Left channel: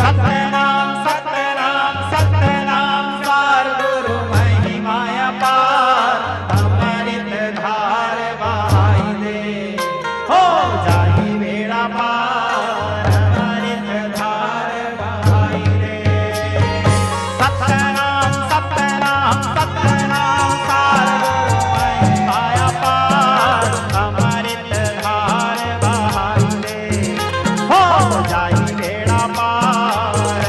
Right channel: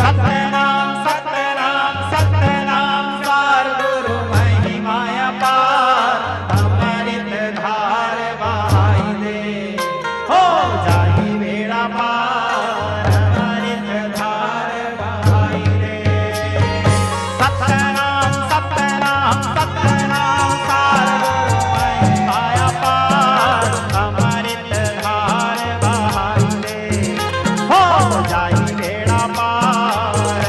सतनाम सतनाम सतनाम सार गुरु महिमा पार अमृत धार बहाई दे हो जाई बेड़ा पार अमृत धार बहाई दे। सतनाम सतनाम सतनाम सार गुरु महिमा पार अमृत धार बहाई दे हो जाई बेड़ा पार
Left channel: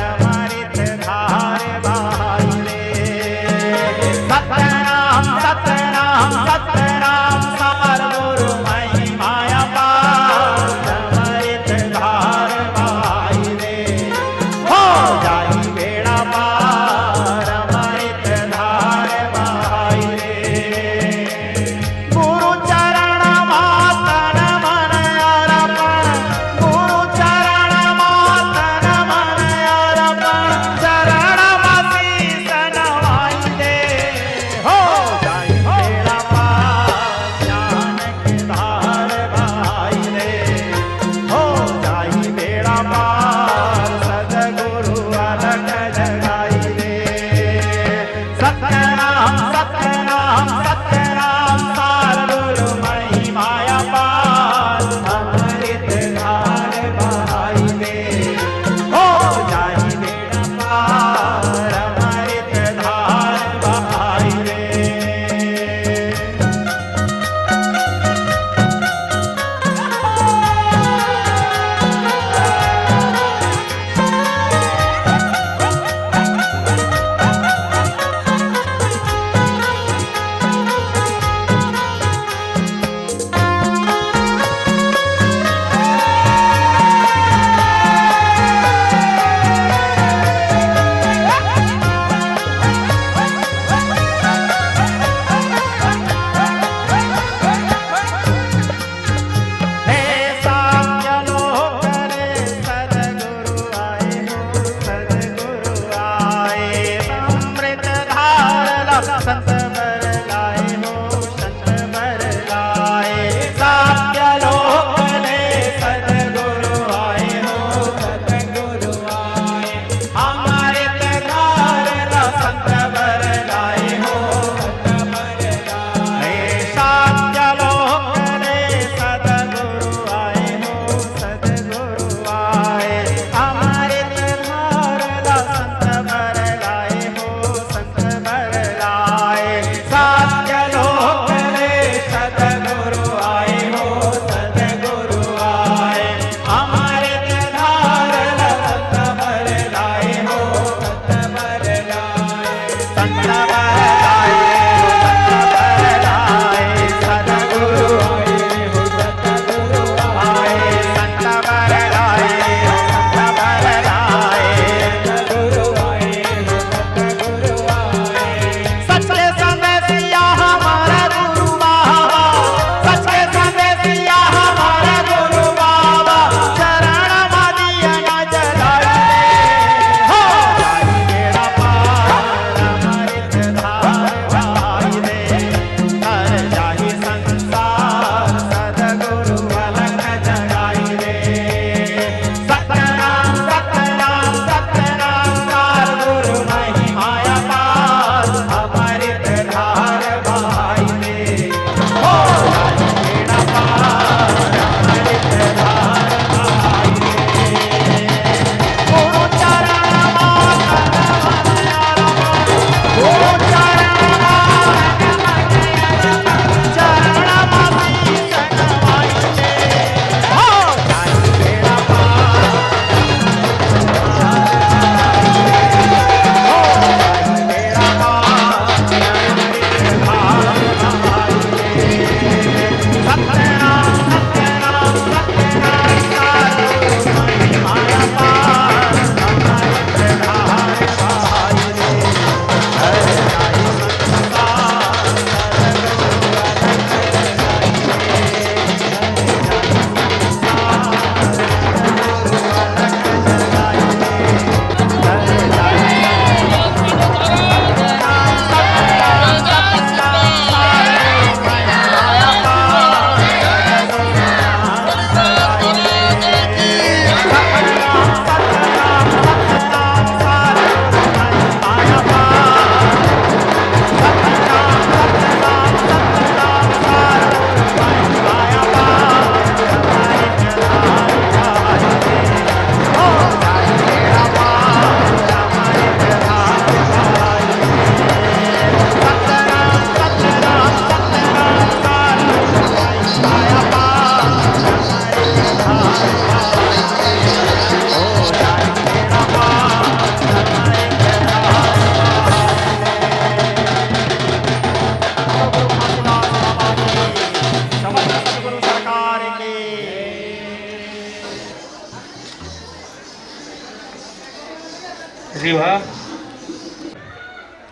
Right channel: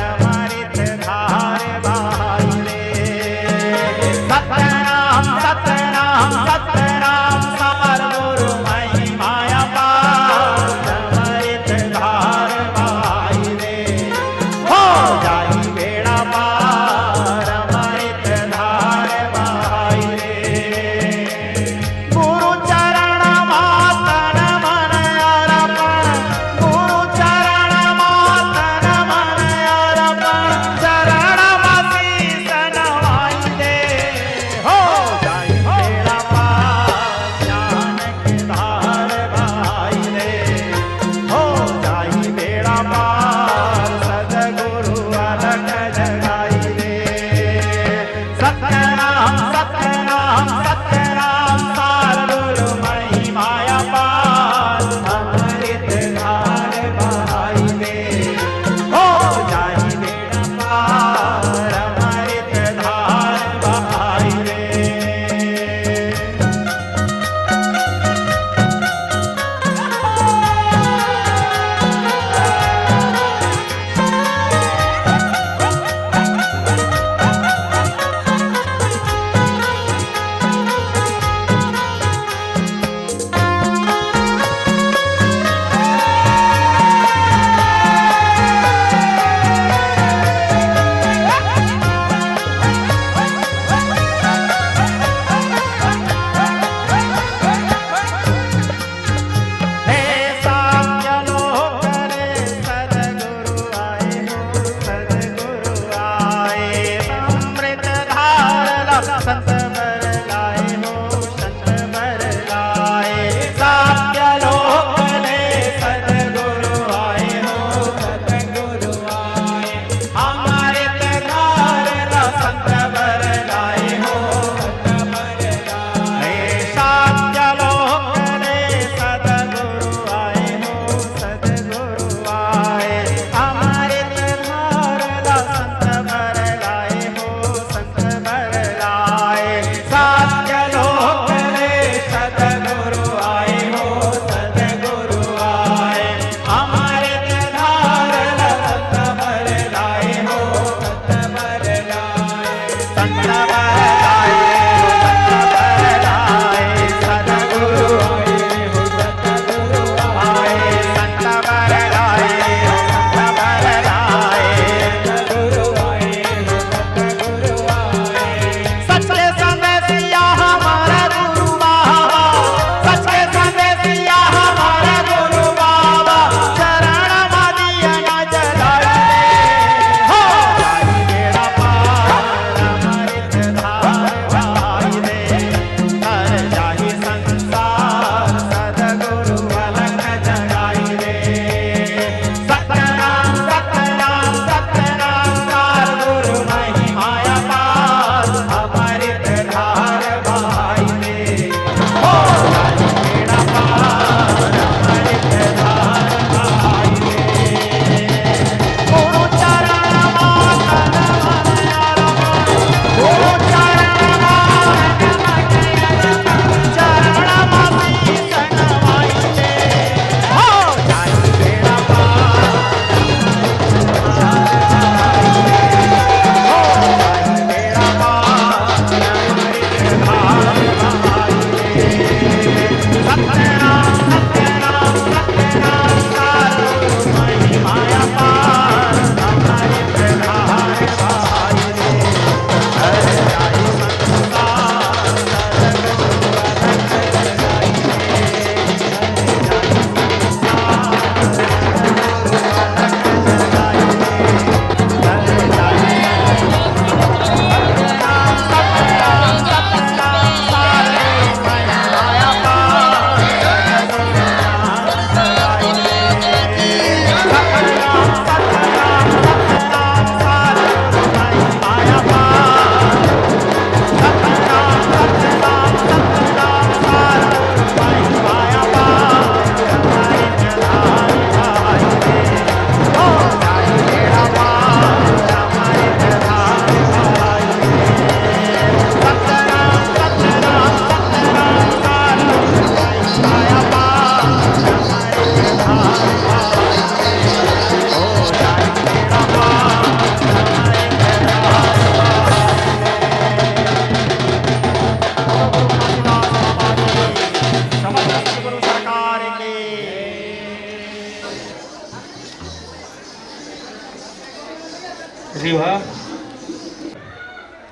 रिवा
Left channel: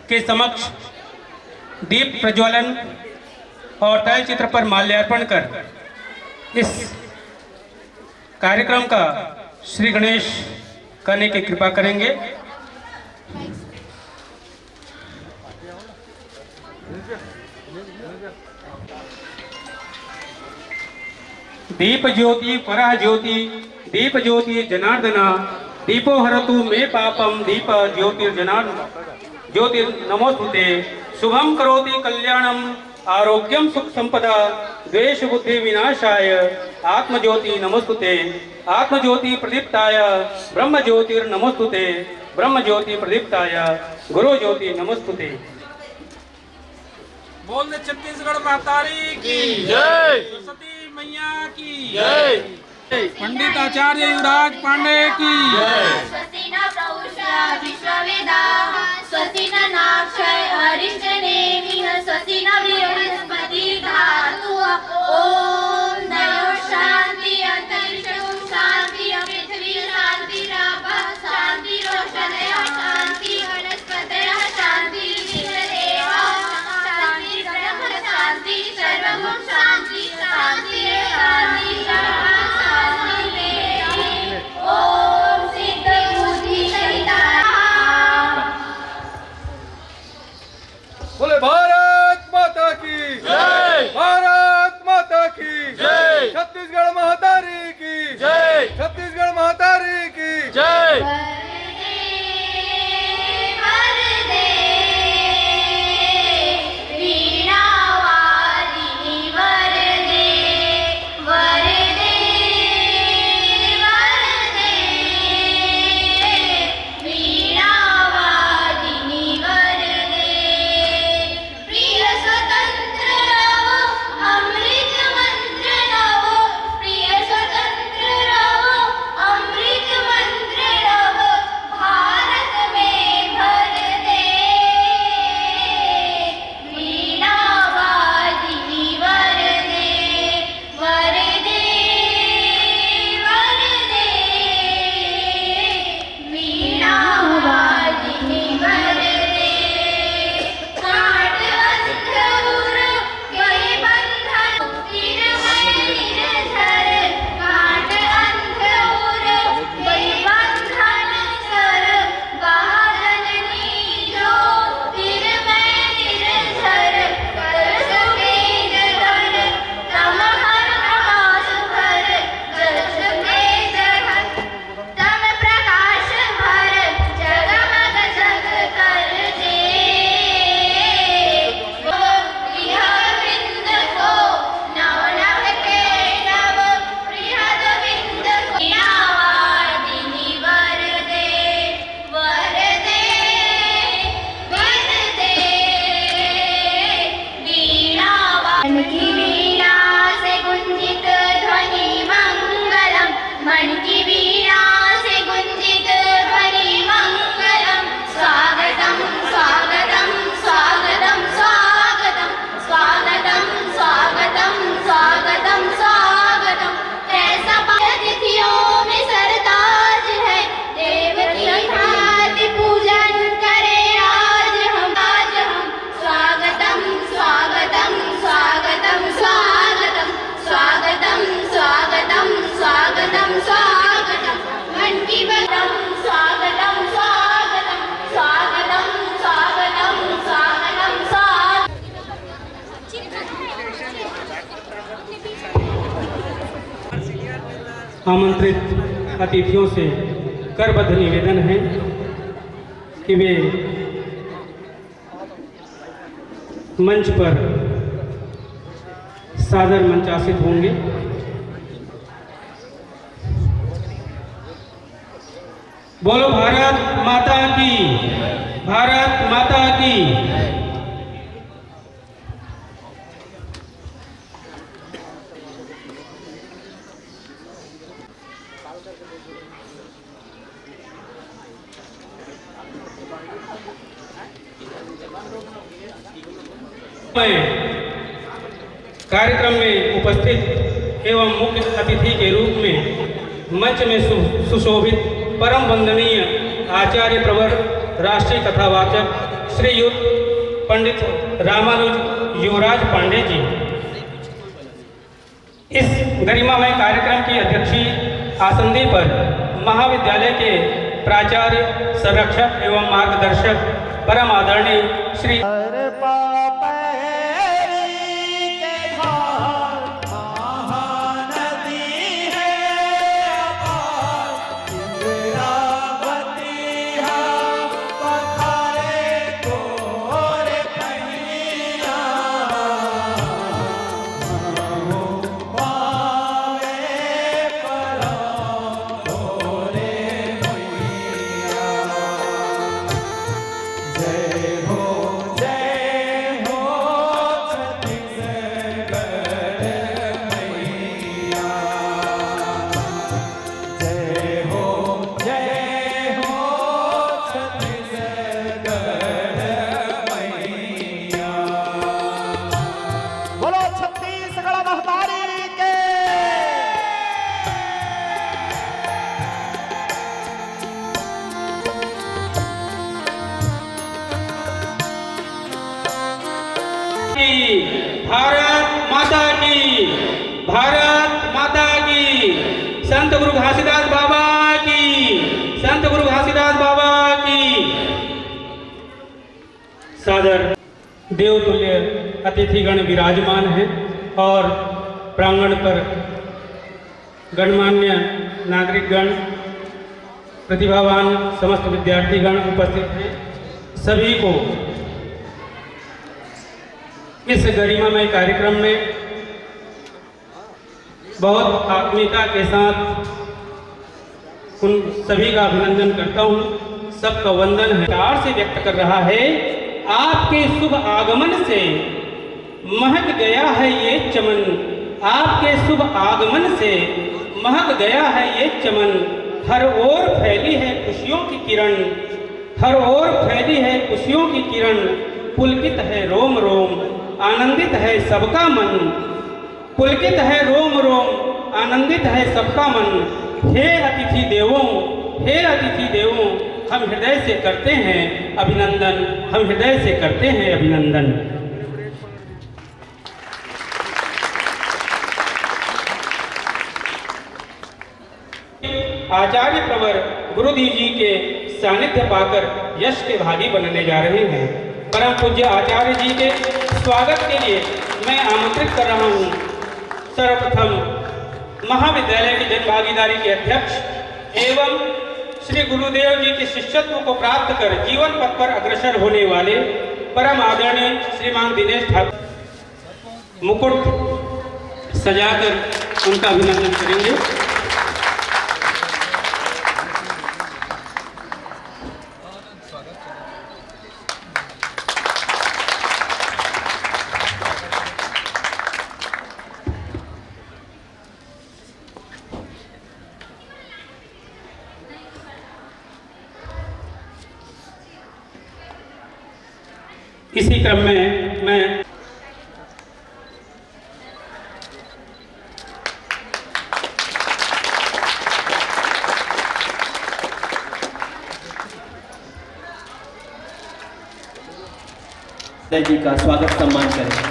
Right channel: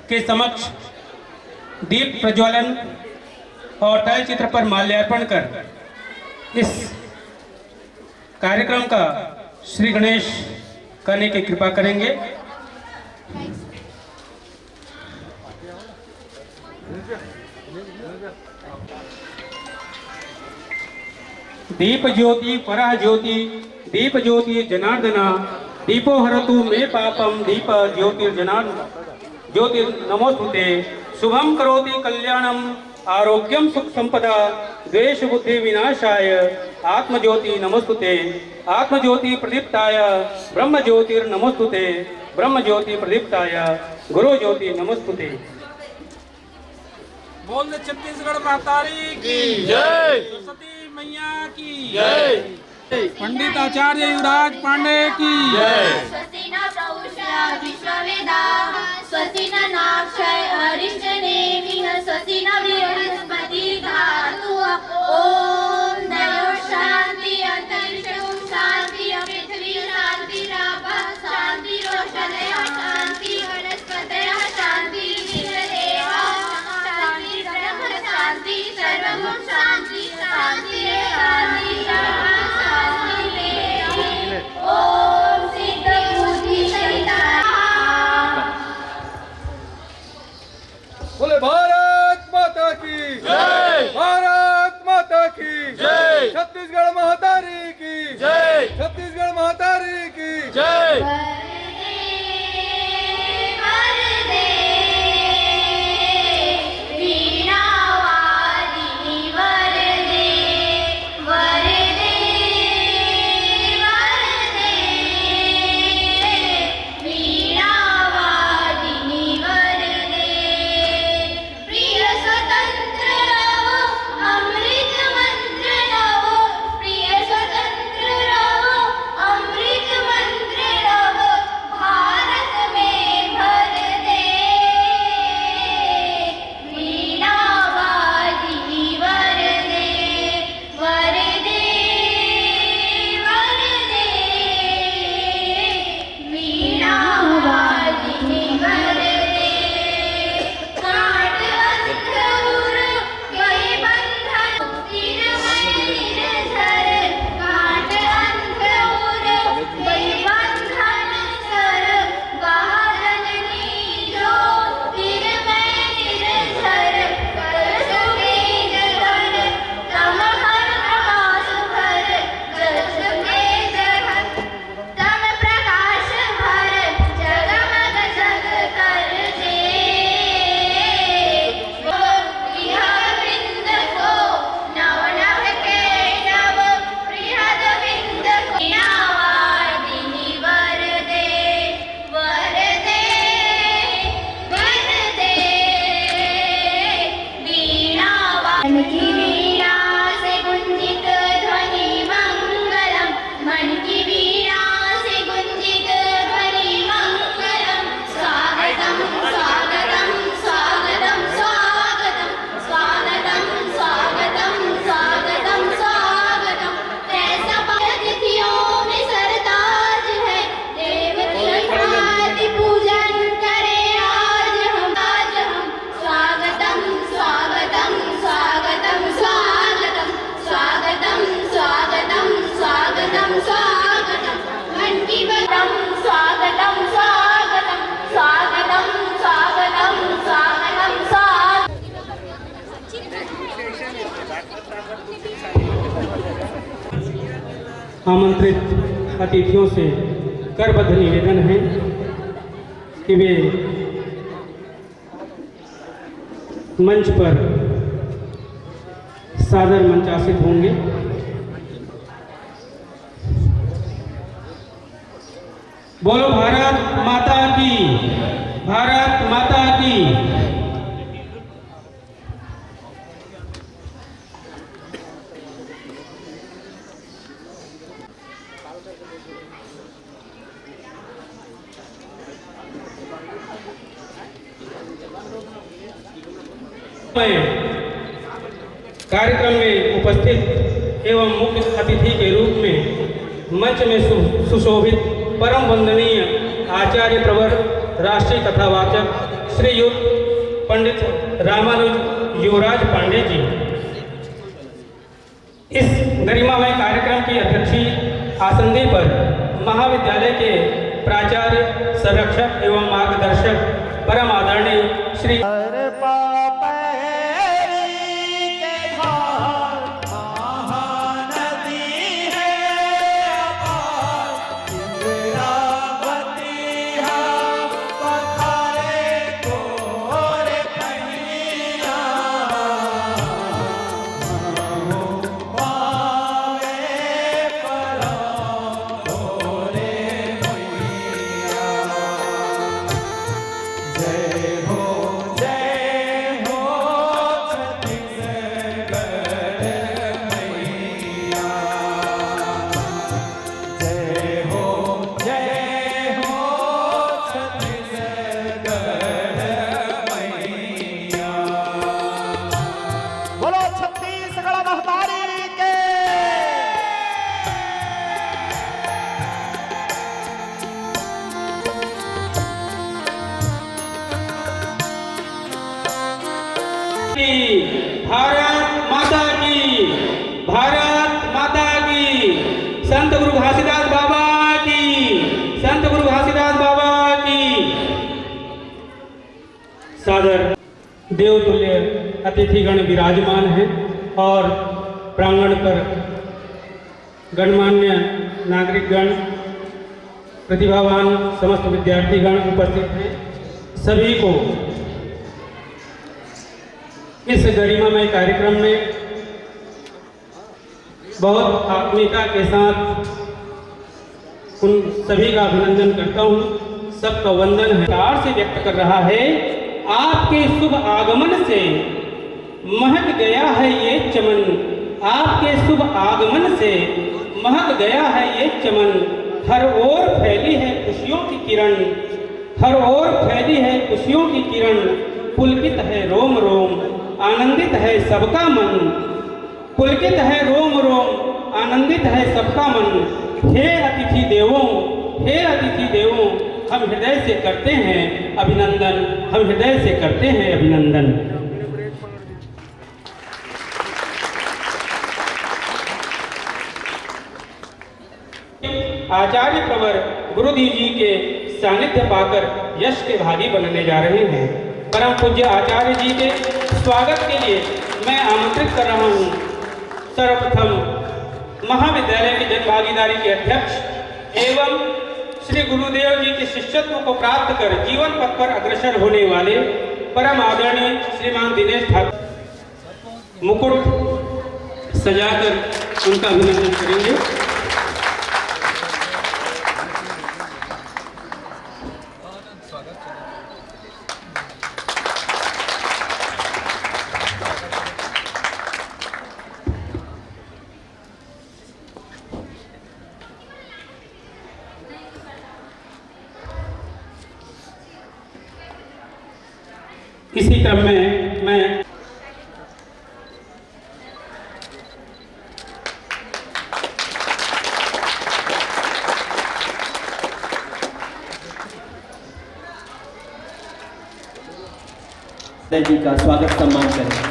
के समक्ष दीप प्रज्वलन और तैल चित्र पर माल्यार्पण कर इस कार्यक्रम का श्री गणेश करने की कृपा करेंगे। दीप ज्योति परा ज्योति दीप ज्योति जनार्दना दीपो हरतु मे पापम दीप ज्योतिर्जनार्दन ज्योतिर्नमोस्तुते शुभम करोति कल्याणम आरोग्यम सुख संपदा द्वेष बुद्धि विनाशाय आत्मज्योति नमोस्तुते आत्मज्योति प्रदीप्ताय ब्रह्म ज्योतिर्नमोस्तुते ब्रह्म ज्योति प्रदीप्ताय गुरु ज्योति नमोस्तुते। बोल दे छत्तीसगढ़ महतारी की जय, सरस्वती मैया की जय, पंडित आचार्य युवराज पांडे की जय। स्वस्ति न प्रउषा विश्ववेदाः स्वस्ति न नाक्षय हरिश्चनेमिः स्वस्ति न बृहस्पति धातु ओम द्यौ शांति अंतरिक्षं शांति पृथ्वी शांति रापः शांति रोषधयः शांति वनस्पतयः शांति विश्वदेवः शांति ब्रह्म शांति सर्वं शांति शांति शांति ओम सिद्ध बुद्धि सहिता। बोले भारत माता की जय, भारत माता की जय, छत्तीसगढ़ महतारी की जय, छत्तीसगढ़ महतारी की जय। वरदे वीणावादिनी वरदे वरदे वरदे वीणावादिनी वरदे प्रिय स्वतंत्र रहो अमृत मंत्र रहो प्रिय स्वतंत्र रहो अमृत मंत्र रहो भारत में भर दे वीणावादिनी वरदे वरदे वरदे वीणावादिनी वरदे काट अंधुर गए बंधन तिरमय निर्झर काट अंधुर गए बंधन सर बाजननी जो तिरमय निर्झर कर सफेद धर तम हर प्रकाश भर जल सफेद धर तम प्रकाश भर जगमग जग कर दे प्रियवृंद को नव नव के नव प्रियवृंद को वीणावादिनी वरदे वरदे वरदे वीणावादिनी मन की वीणा से गुंजित ध्वनि मंगलम मन की वीणा से गुंजित ध्वनि मंगलम स्वागतम स्वागतम स्वागतम स्वागतम स्वागतम स्वागतम स्वागतम स्वागतम कैसा अतिथियों में सरताज है देवती ख्याति पूजन करे आज हम स्वागतम स्वागतम स्वागतम स्वागतम स्वागतम स्वागतम स्वागतम स्वागतम मन की बदम स्वागतम स्वागतम स्वागतम स्वागतम स्वागतम स्वागतम। आमंत्रित अतिथियों से करबद्ध निवेदन है कि वे मंच पर सादर मंचासित होंगे। बोलो भारत माता की, भारत माता की। कार्यक्रम में उपस्थित एवं मुख्य अतिथि के रूप में मंच में सुशोभित परम वंदनीय आचार्य प्रवर राष्ट्रीय कथावाचक श्रीयुत पंडित रामानुज युवराज पांडे जी इस गरिमामय कार्यक्रम की अध्यक्षीय आसंदी पर महाविद्यालय के प्राचार्य, संरक्षक एवं मार्गदर्शक परम आदरणीय श्री हर पापैरी के धार महानदी है अपार, इंद्रावती है पखारे गोरे पहिया, हो पावे परा गोरे मैया। जय हो छत्तीसगढ़ मैया। जय हो छत्तीसगढ़ मैया। बोलो छत्तीसगढ़ महतारी के। भारत माता की, भारत माता की, संत गुरु घासीदास बाबा की, संत गुरु घासीदास बाबा की। सादर देवतुल्य अतिथिगण विराजमान हैं और प्रांगण पर गणमान्य नागरिकगण, प्रतिभावान समस्त विद्यार्थीगण उपस्थित हैं। सभी को इस गरिमामय कार्यक्रम में बहुत आत्मीयता के साथ उन सभी का अभिनंदन करता हूँ। सबका वंदन है प्यार से व्यक्त कर रहा है। आपके शुभ आगमन से महक गया है ये चमन, आपके शुभ आगमन से महक गया है ये चमन। हर ओर फैली है खुशियों की किरण, हर ओर फैली है खुशियों की किरण। पुलकित है रोम रोम, आनंदित है सबका मन, पुलकित है रोम रोम, आनंदित है सबका मन। हे अतिथि देवों, हे अतिथि देवों, हम हृदय से करते हैं अभिनंदन, हम हृदय से करते हैं अभिनंदन। आचार्य प्रवर गुरुदेव जी के सानिध्य पाकर यश के भागी बनने जा रहे हैं। परम पूज्य आचार्य जी के स्वागत के लिए मैं आमंत्रित कर रहा हूँ सर्वप्रथम महाविद्यालय की जन भागीदारी के अध्यक्ष एवं श्री गुरुदेव जी के शिष्यत्व को प्राप्त कर जीवन पथ पर अग्रसर होने वाले परम आदरणीय श्रीमान दिनेश ठाकुर मुकुट सजाकर उनका अभिनंदन करेंगे। इसी क्रम में मैं जी का स्वागत सम्मान करें।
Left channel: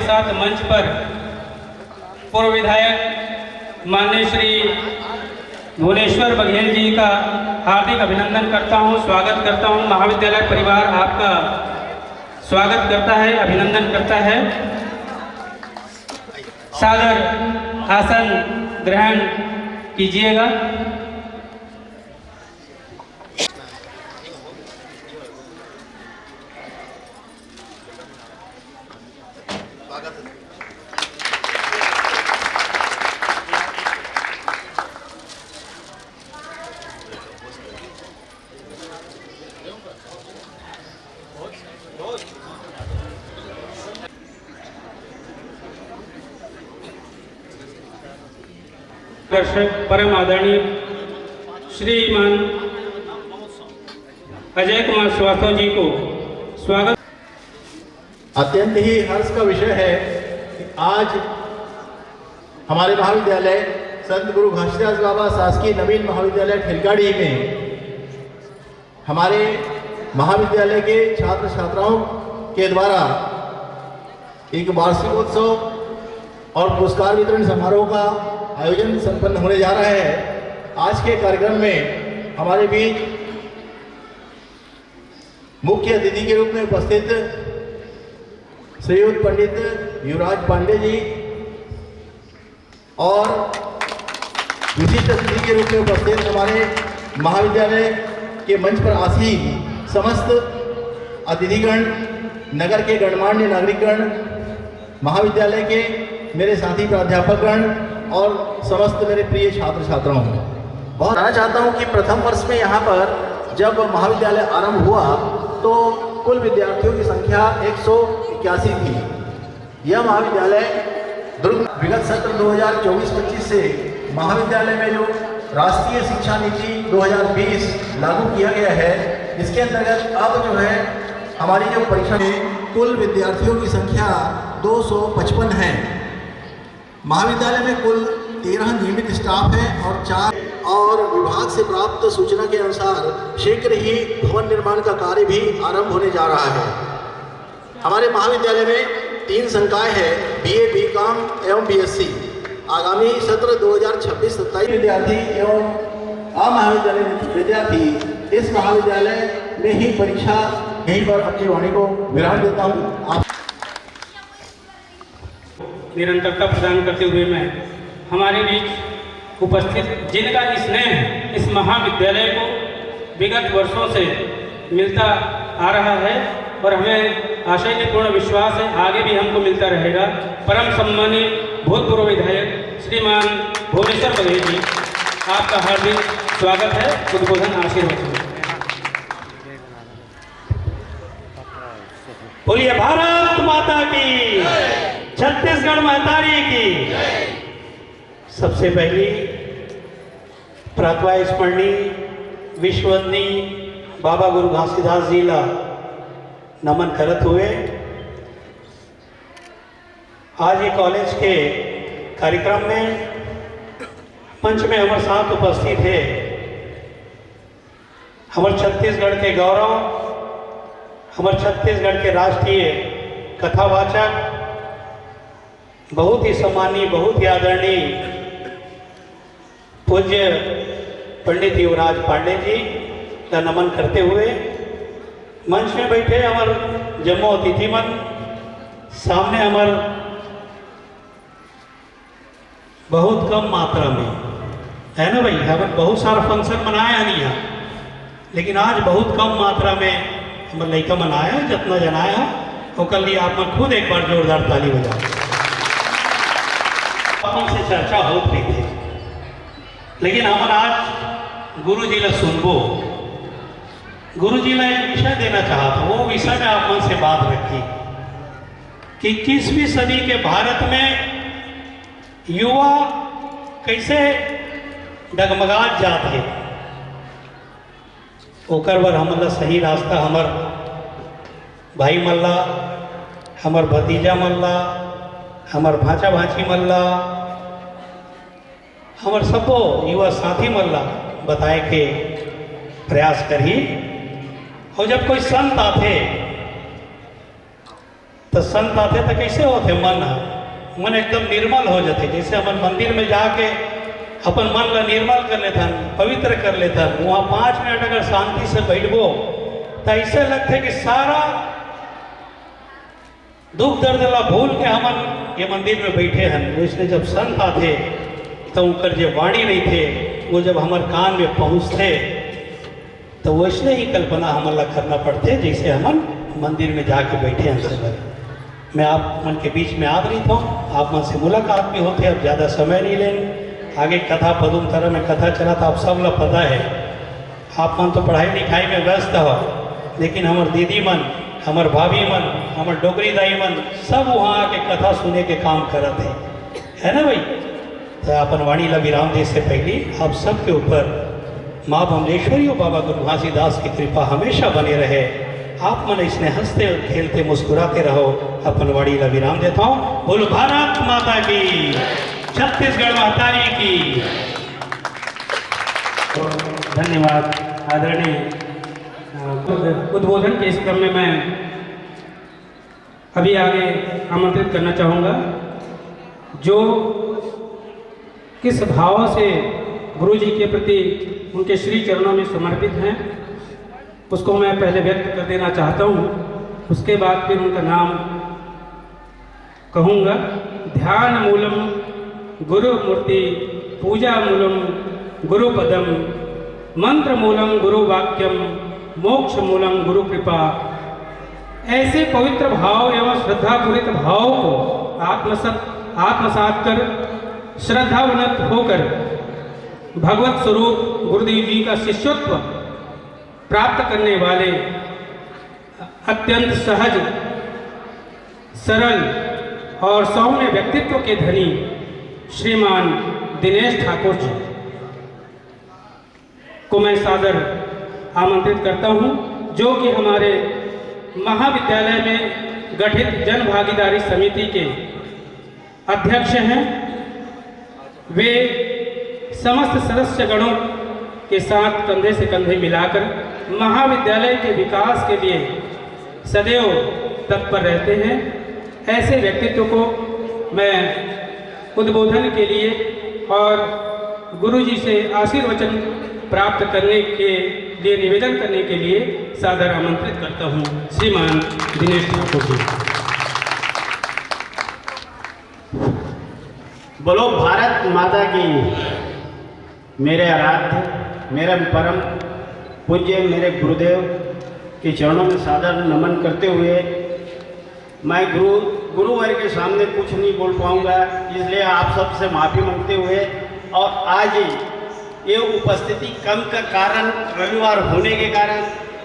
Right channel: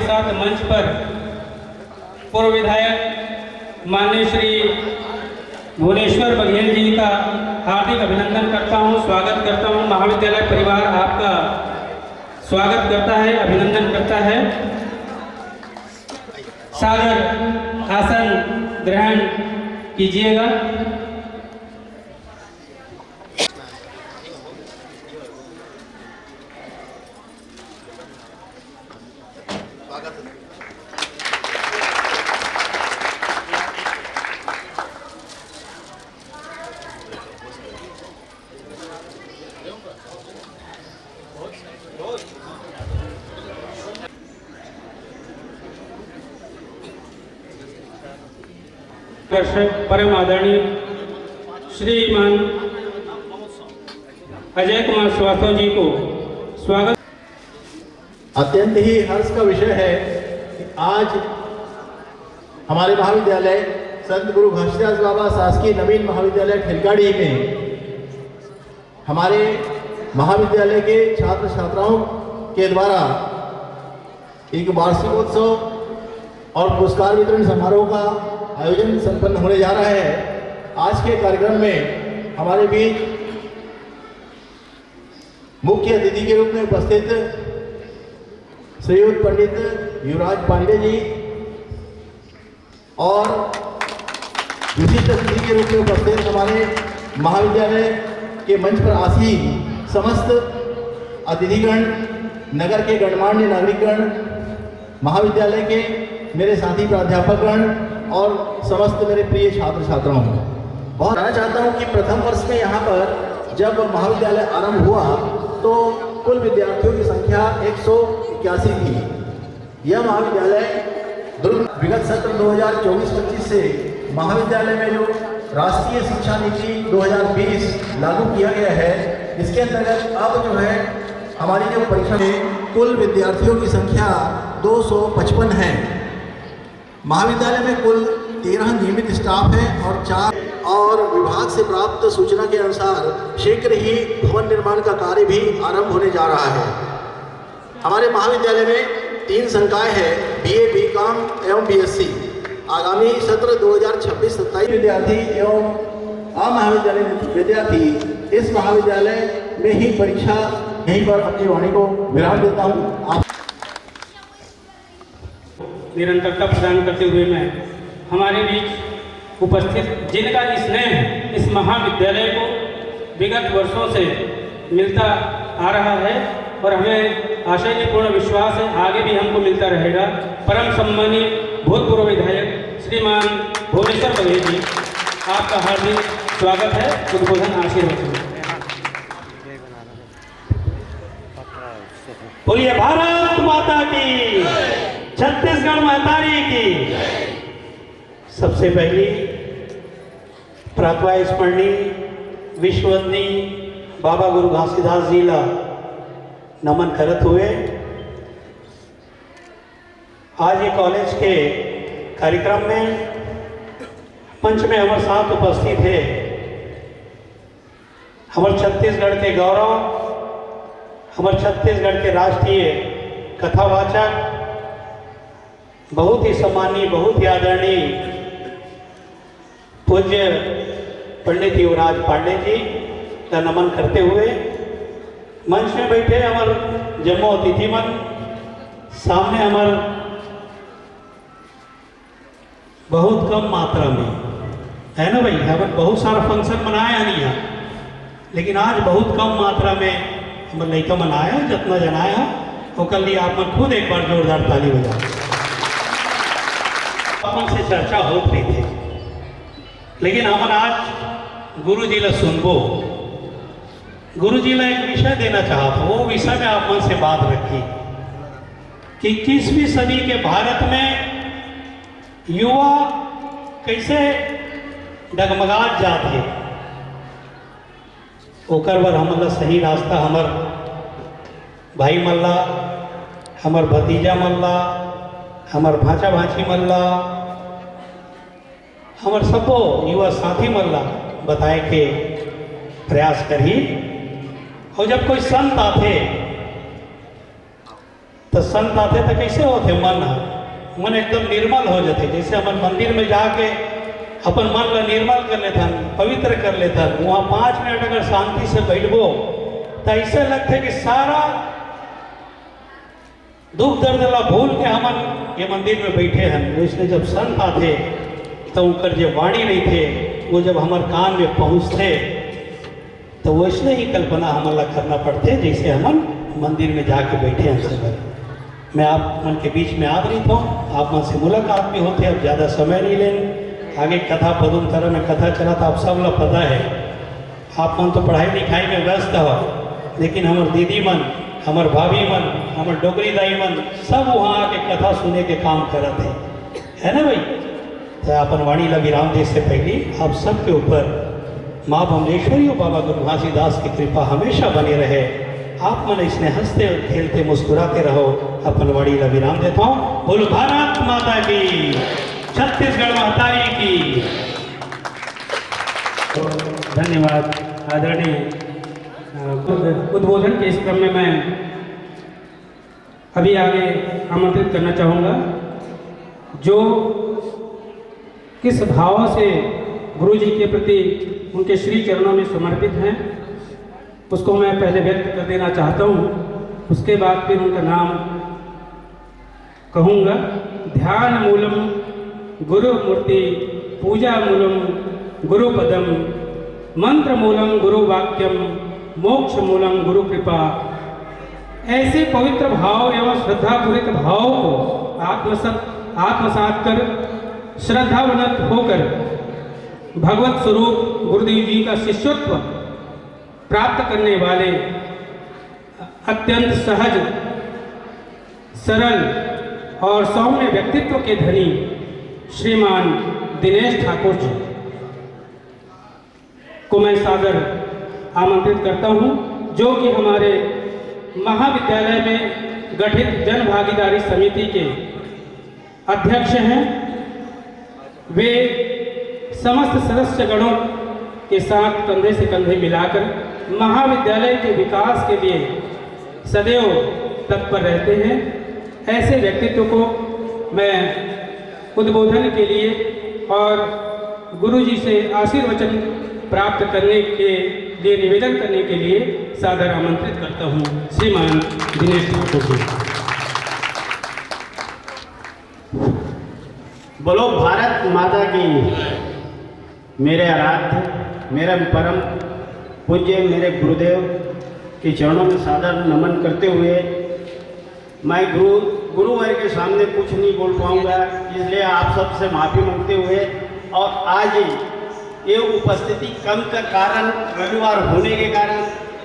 साथ मंच पर पूर्व विधायक माननीय श्री भुवनेश्वर बघेल जी का हार्दिक अभिनंदन करता हूं, स्वागत करता हूं। महाविद्यालय परिवार आपका स्वागत करता है, अभिनंदन करता है। सादर आसन ग्रहण कीजिएगा। दर्शक परम आदरणीय श्रीमान अजय कुमार श्रीवास्तव जी को स्वागत। अत्यंत ही हर्ष का विषय है कि आज हमारे महाविद्यालय संत गुरु घासीदास बाबा शासकीय नवीन महाविद्यालय ठिलकाड़ी में हमारे महाविद्यालय के छात्र छात्राओं के द्वारा एक वार्षिकोत्सव और पुरस्कार वितरण समारोह का आयोजन संपन्न होने जा रहा है। आज के कार्यक्रम में हमारे बीच मुख्य अतिथि के रूप में उपस्थित श्रीयुत पंडित युवराज पांडे जी और विशिष्ट अतिथि के रूप में उपस्थित हमारे महाविद्यालय के मंच पर आसीन समस्त अतिथिगण, नगर के गणमान्य नागरिकगण, महाविद्यालय के मेरे साथी प्राध्यापकगण और समस्त मेरे प्रिय छात्र छात्राओं, बहुत कहना चाहता हूँ कि प्रथम वर्ष में यहाँ पर जब महाविद्यालय आरंभ हुआ तो कुल विद्यार्थियों की संख्या 181 थी। यह महाविद्यालय दुर्ग विगत सत्र 2024-25 से महाविद्यालय में जो राष्ट्रीय शिक्षा नीति 2020 लागू किया गया है, इसके अंतर्गत अब जो है हमारी जो परीक्षा में कुल विद्यार्थियों की संख्या 255 है। महाविद्यालय में कुल 13 नियमित स्टाफ है और 4 और विभाग से प्राप्त सूचना के अनुसार शीघ्र ही भवन निर्माण का कार्य भी आरंभ होने जा रहा है। हमारे महाविद्यालय में 3 संकाय है, BA, BCom एवं BSc। आगामी सत्र 2026-27 विद्यार्थी एवं अमहाविद्यालय विद्यार्थी इस महाविद्यालय में ही परीक्षा यहीं पर अपनी वाणी को विराम देता हूँ। निरंतरता प्रदान करते हुए मैं हमारे बीच उपस्थित जिनका स्नेह इस महाविद्यालय को विगत वर्षों से मिलता आ रहा है और हमें आशयपूर्ण विश्वास है आगे भी हमको मिलता रहेगा। परम सम्मानीय भूतपूर्व विधायक श्रीमान भुवनेश्वर बघेल जी, आपका हार्दिक स्वागत है। उद्बोधन आशीर्वाद। बोलिए भारत माता की, छत्तीसगढ़ महतारी की। सबसे पहली प्रातः स्मरणीय विश्ववंदनीय बाबा गुरु घासीदास जी ला नमन करत हुए आज ये कॉलेज के कार्यक्रम में मंच में हमारे साथ उपस्थित है हमारे छत्तीसगढ़ के गौरव, हमारे छत्तीसगढ़ के राष्ट्रीय कथावाचक, बहुत ही सम्मानीय, बहुत ही आदरणीय पूज्य पंडित युवराज पांडे जी का नमन करते हुए मंच में बैठे हमारे जम्मू अतिथि मन, सामने हमारे बहुत कम मात्रा में है ना भाई, हमारे बहुत सारा फंक्शन मनाया नहीं है, लेकिन आज बहुत कम मात्रा में हमारे लड़का मनाया, जितना जनाया वो कल लिए आप मन खुद एक बार जोरदार ताली बजा। अपन से चर्चा हो रही थी, लेकिन हम आज गुरु जी ला सुनबो। गुरु जी ला एक विषय देना चाहता, वो विषय में आप मन से बात रखी कि 21वीं सदी के भारत में युवा कैसे डगमगात जाते, ओकर बर हमला सही रास्ता हमर भाई मल्ला, हमर भतीजा मल्ला, हमर भाचा भाची मल्ला, हमर सबो युवा साथी मल्ला बताए के प्रयास करी। और जब कोई संत आते तो कैसे होते, मन एकदम निर्मल हो जाते। जैसे अपन मंदिर में जाके अपन मन ला निर्मल कर लेथन, पवित्र कर लेथन, वहाँ 5 मिनट अगर शांति से बैठबो तो ऐसे लगते कि सारा दुख दर्द ला भूल के हमन ये मंदिर में बैठे हैं। इसलिए जब संत आते तो उनकर जो वाणी नहीं थे वो जब हमारे कान में पहुँचते तो वैसने ही कल्पना हमला करना पड़ते जैसे हम मंदिर में जाके बैठे हैं सब। मैं आप मन के बीच में आ रही था, आप मन से मुलाकात भी होते। अब ज़्यादा समय नहीं लेंगे, आगे कथा पदुम तरह में कथा चला था, आप सब लोग पता है। आप मन तो पढ़ाई लिखाई में व्यस्त हो, लेकिन हमारे दीदी मन, हमारे भाभी मन, हमारे डोगरी दाई मन सब वहाँ आके कथा सुने के काम करते है ना भाई। तो अपन वाणी ला विराम दे से पहले आप सबके ऊपर माँ बमलेश्वरी और बाबा गुरु घासीदास की कृपा हमेशा बने रहे। आप मन इसने हंसते और खेलते मुस्कुराते रहो। अपन वाणी ला विराम देता हूँ। बोलो भारत माता की, छत्तीसगढ़ महतारी की। तो धन्यवाद आदरणीय। उद्बोधन के इस क्रम में मैं अभी आगे आमंत्रित करना चाहूँगा जो किस भाव से गुरु जी के प्रति उनके श्री चरणों में समर्पित हैं उसको मैं पहले व्यक्त कर देना चाहता हूँ। उसके बाद फिर उनका नाम कहूँगा। ध्यान मूलम गुरु मूर्ति, पूजा मूलम गुरु पदम, मंत्र मूलम गुरु वाक्यम, मोक्ष मूलम गुरु कृपा। ऐसे पवित्र भाव एवं श्रद्धापूरित भाव को आत्मसात कर श्रद्धावनत होकर भगवत स्वरूप गुरुदेव जी का शिष्यत्व प्राप्त करने वाले अत्यंत सहज, सरल और सौम्य व्यक्तित्व के धनी श्रीमान दिनेश ठाकुर जी को मैं सादर आमंत्रित करता हूं, जो कि हमारे महाविद्यालय में गठित जन भागीदारी समिति के अध्यक्ष हैं। वे समस्त सदस्यगणों के साथ कंधे से कंधे मिलाकर महाविद्यालय के विकास के लिए सदैव तत्पर रहते हैं। ऐसे व्यक्तित्व को मैं उद्बोधन के लिए और गुरु जी से आशीर्वचन प्राप्त करने के लिए निवेदन करने के लिए सादर आमंत्रित करता हूँ। श्रीमान दिनेश ठाकुर जी। बोलो भारत माता की। मेरे आराध्य, मेरे परम पूज्य, मेरे गुरुदेव के चरणों में सादर नमन करते हुए मैं गुरुवर के सामने कुछ नहीं बोल पाऊंगा, इसलिए आप सबसे माफ़ी मांगते हुए और आज ये उपस्थिति कम का कारण रविवार होने के कारण,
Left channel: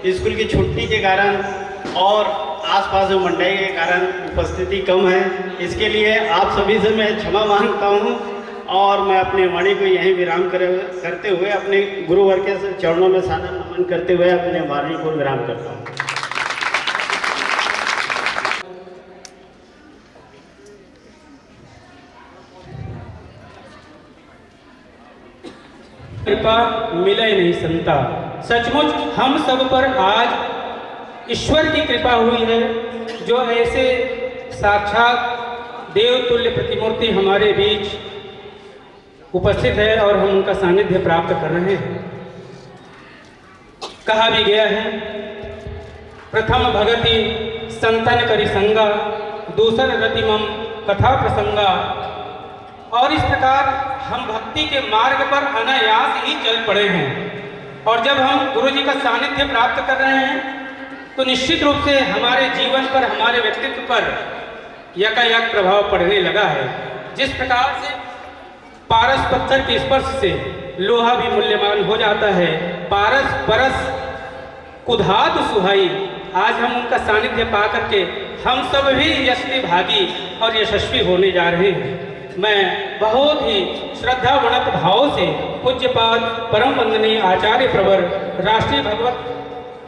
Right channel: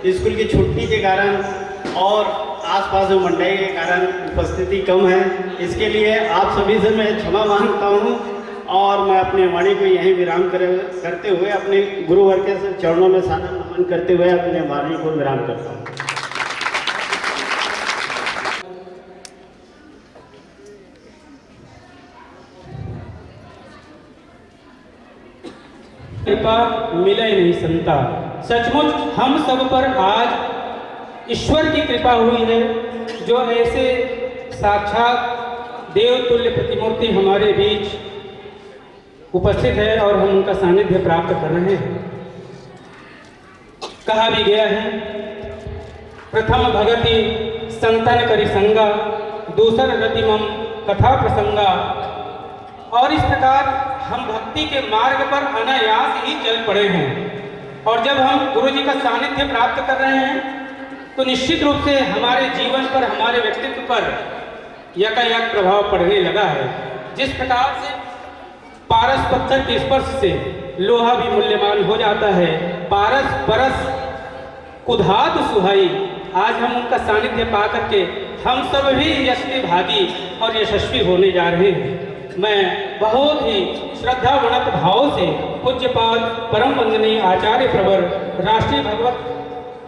स्कूल की छुट्टी के कारण और आसपास में मंडाई के कारण उपस्थिति कम है। इसके लिए आप सभी से मैं क्षमा मांगता हूँ और मैं अपनी वाणी को यहीं विराम करते हुए अपने गुरुवर के चरणों में सादर नमन करते हुए अपने वाणी को विराम करता हूँ। कृपा मिले नहीं संता। सचमुच हम सब पर आज ईश्वर की कृपा हुई है, जो ऐसे साक्षात देवतुल्य प्रतिमूर्ति हमारे बीच उपस्थित है और हम उनका सानिध्य प्राप्त कर रहे हैं। कहा भी गया है, प्रथम भगति संतन करि संगा, दूसर रतिमम कथा प्रसंगा। और इस प्रकार हम भक्ति के मार्ग पर अनायास ही चल पड़े हैं और जब हम गुरु जी का सानिध्य प्राप्त कर रहे हैं तो निश्चित रूप से हमारे जीवन पर, हमारे व्यक्तित्व पर यकायक प्रभाव पड़ने लगा है। जिस प्रकार से पारस पत्थर के स्पर्श से लोहा भी मूल्यवान हो जाता है, पारस परस कुधात सुहाई। आज हम उनका सानिध्य पा करके हम सब भी यशस्वी भागी और यशस्वी होने जा रहे हैं। मैं बहुत ही श्रद्धावनत भाव से पूज्यपाद परम वंदनीय आचार्य प्रवर राष्ट्रीय भगवत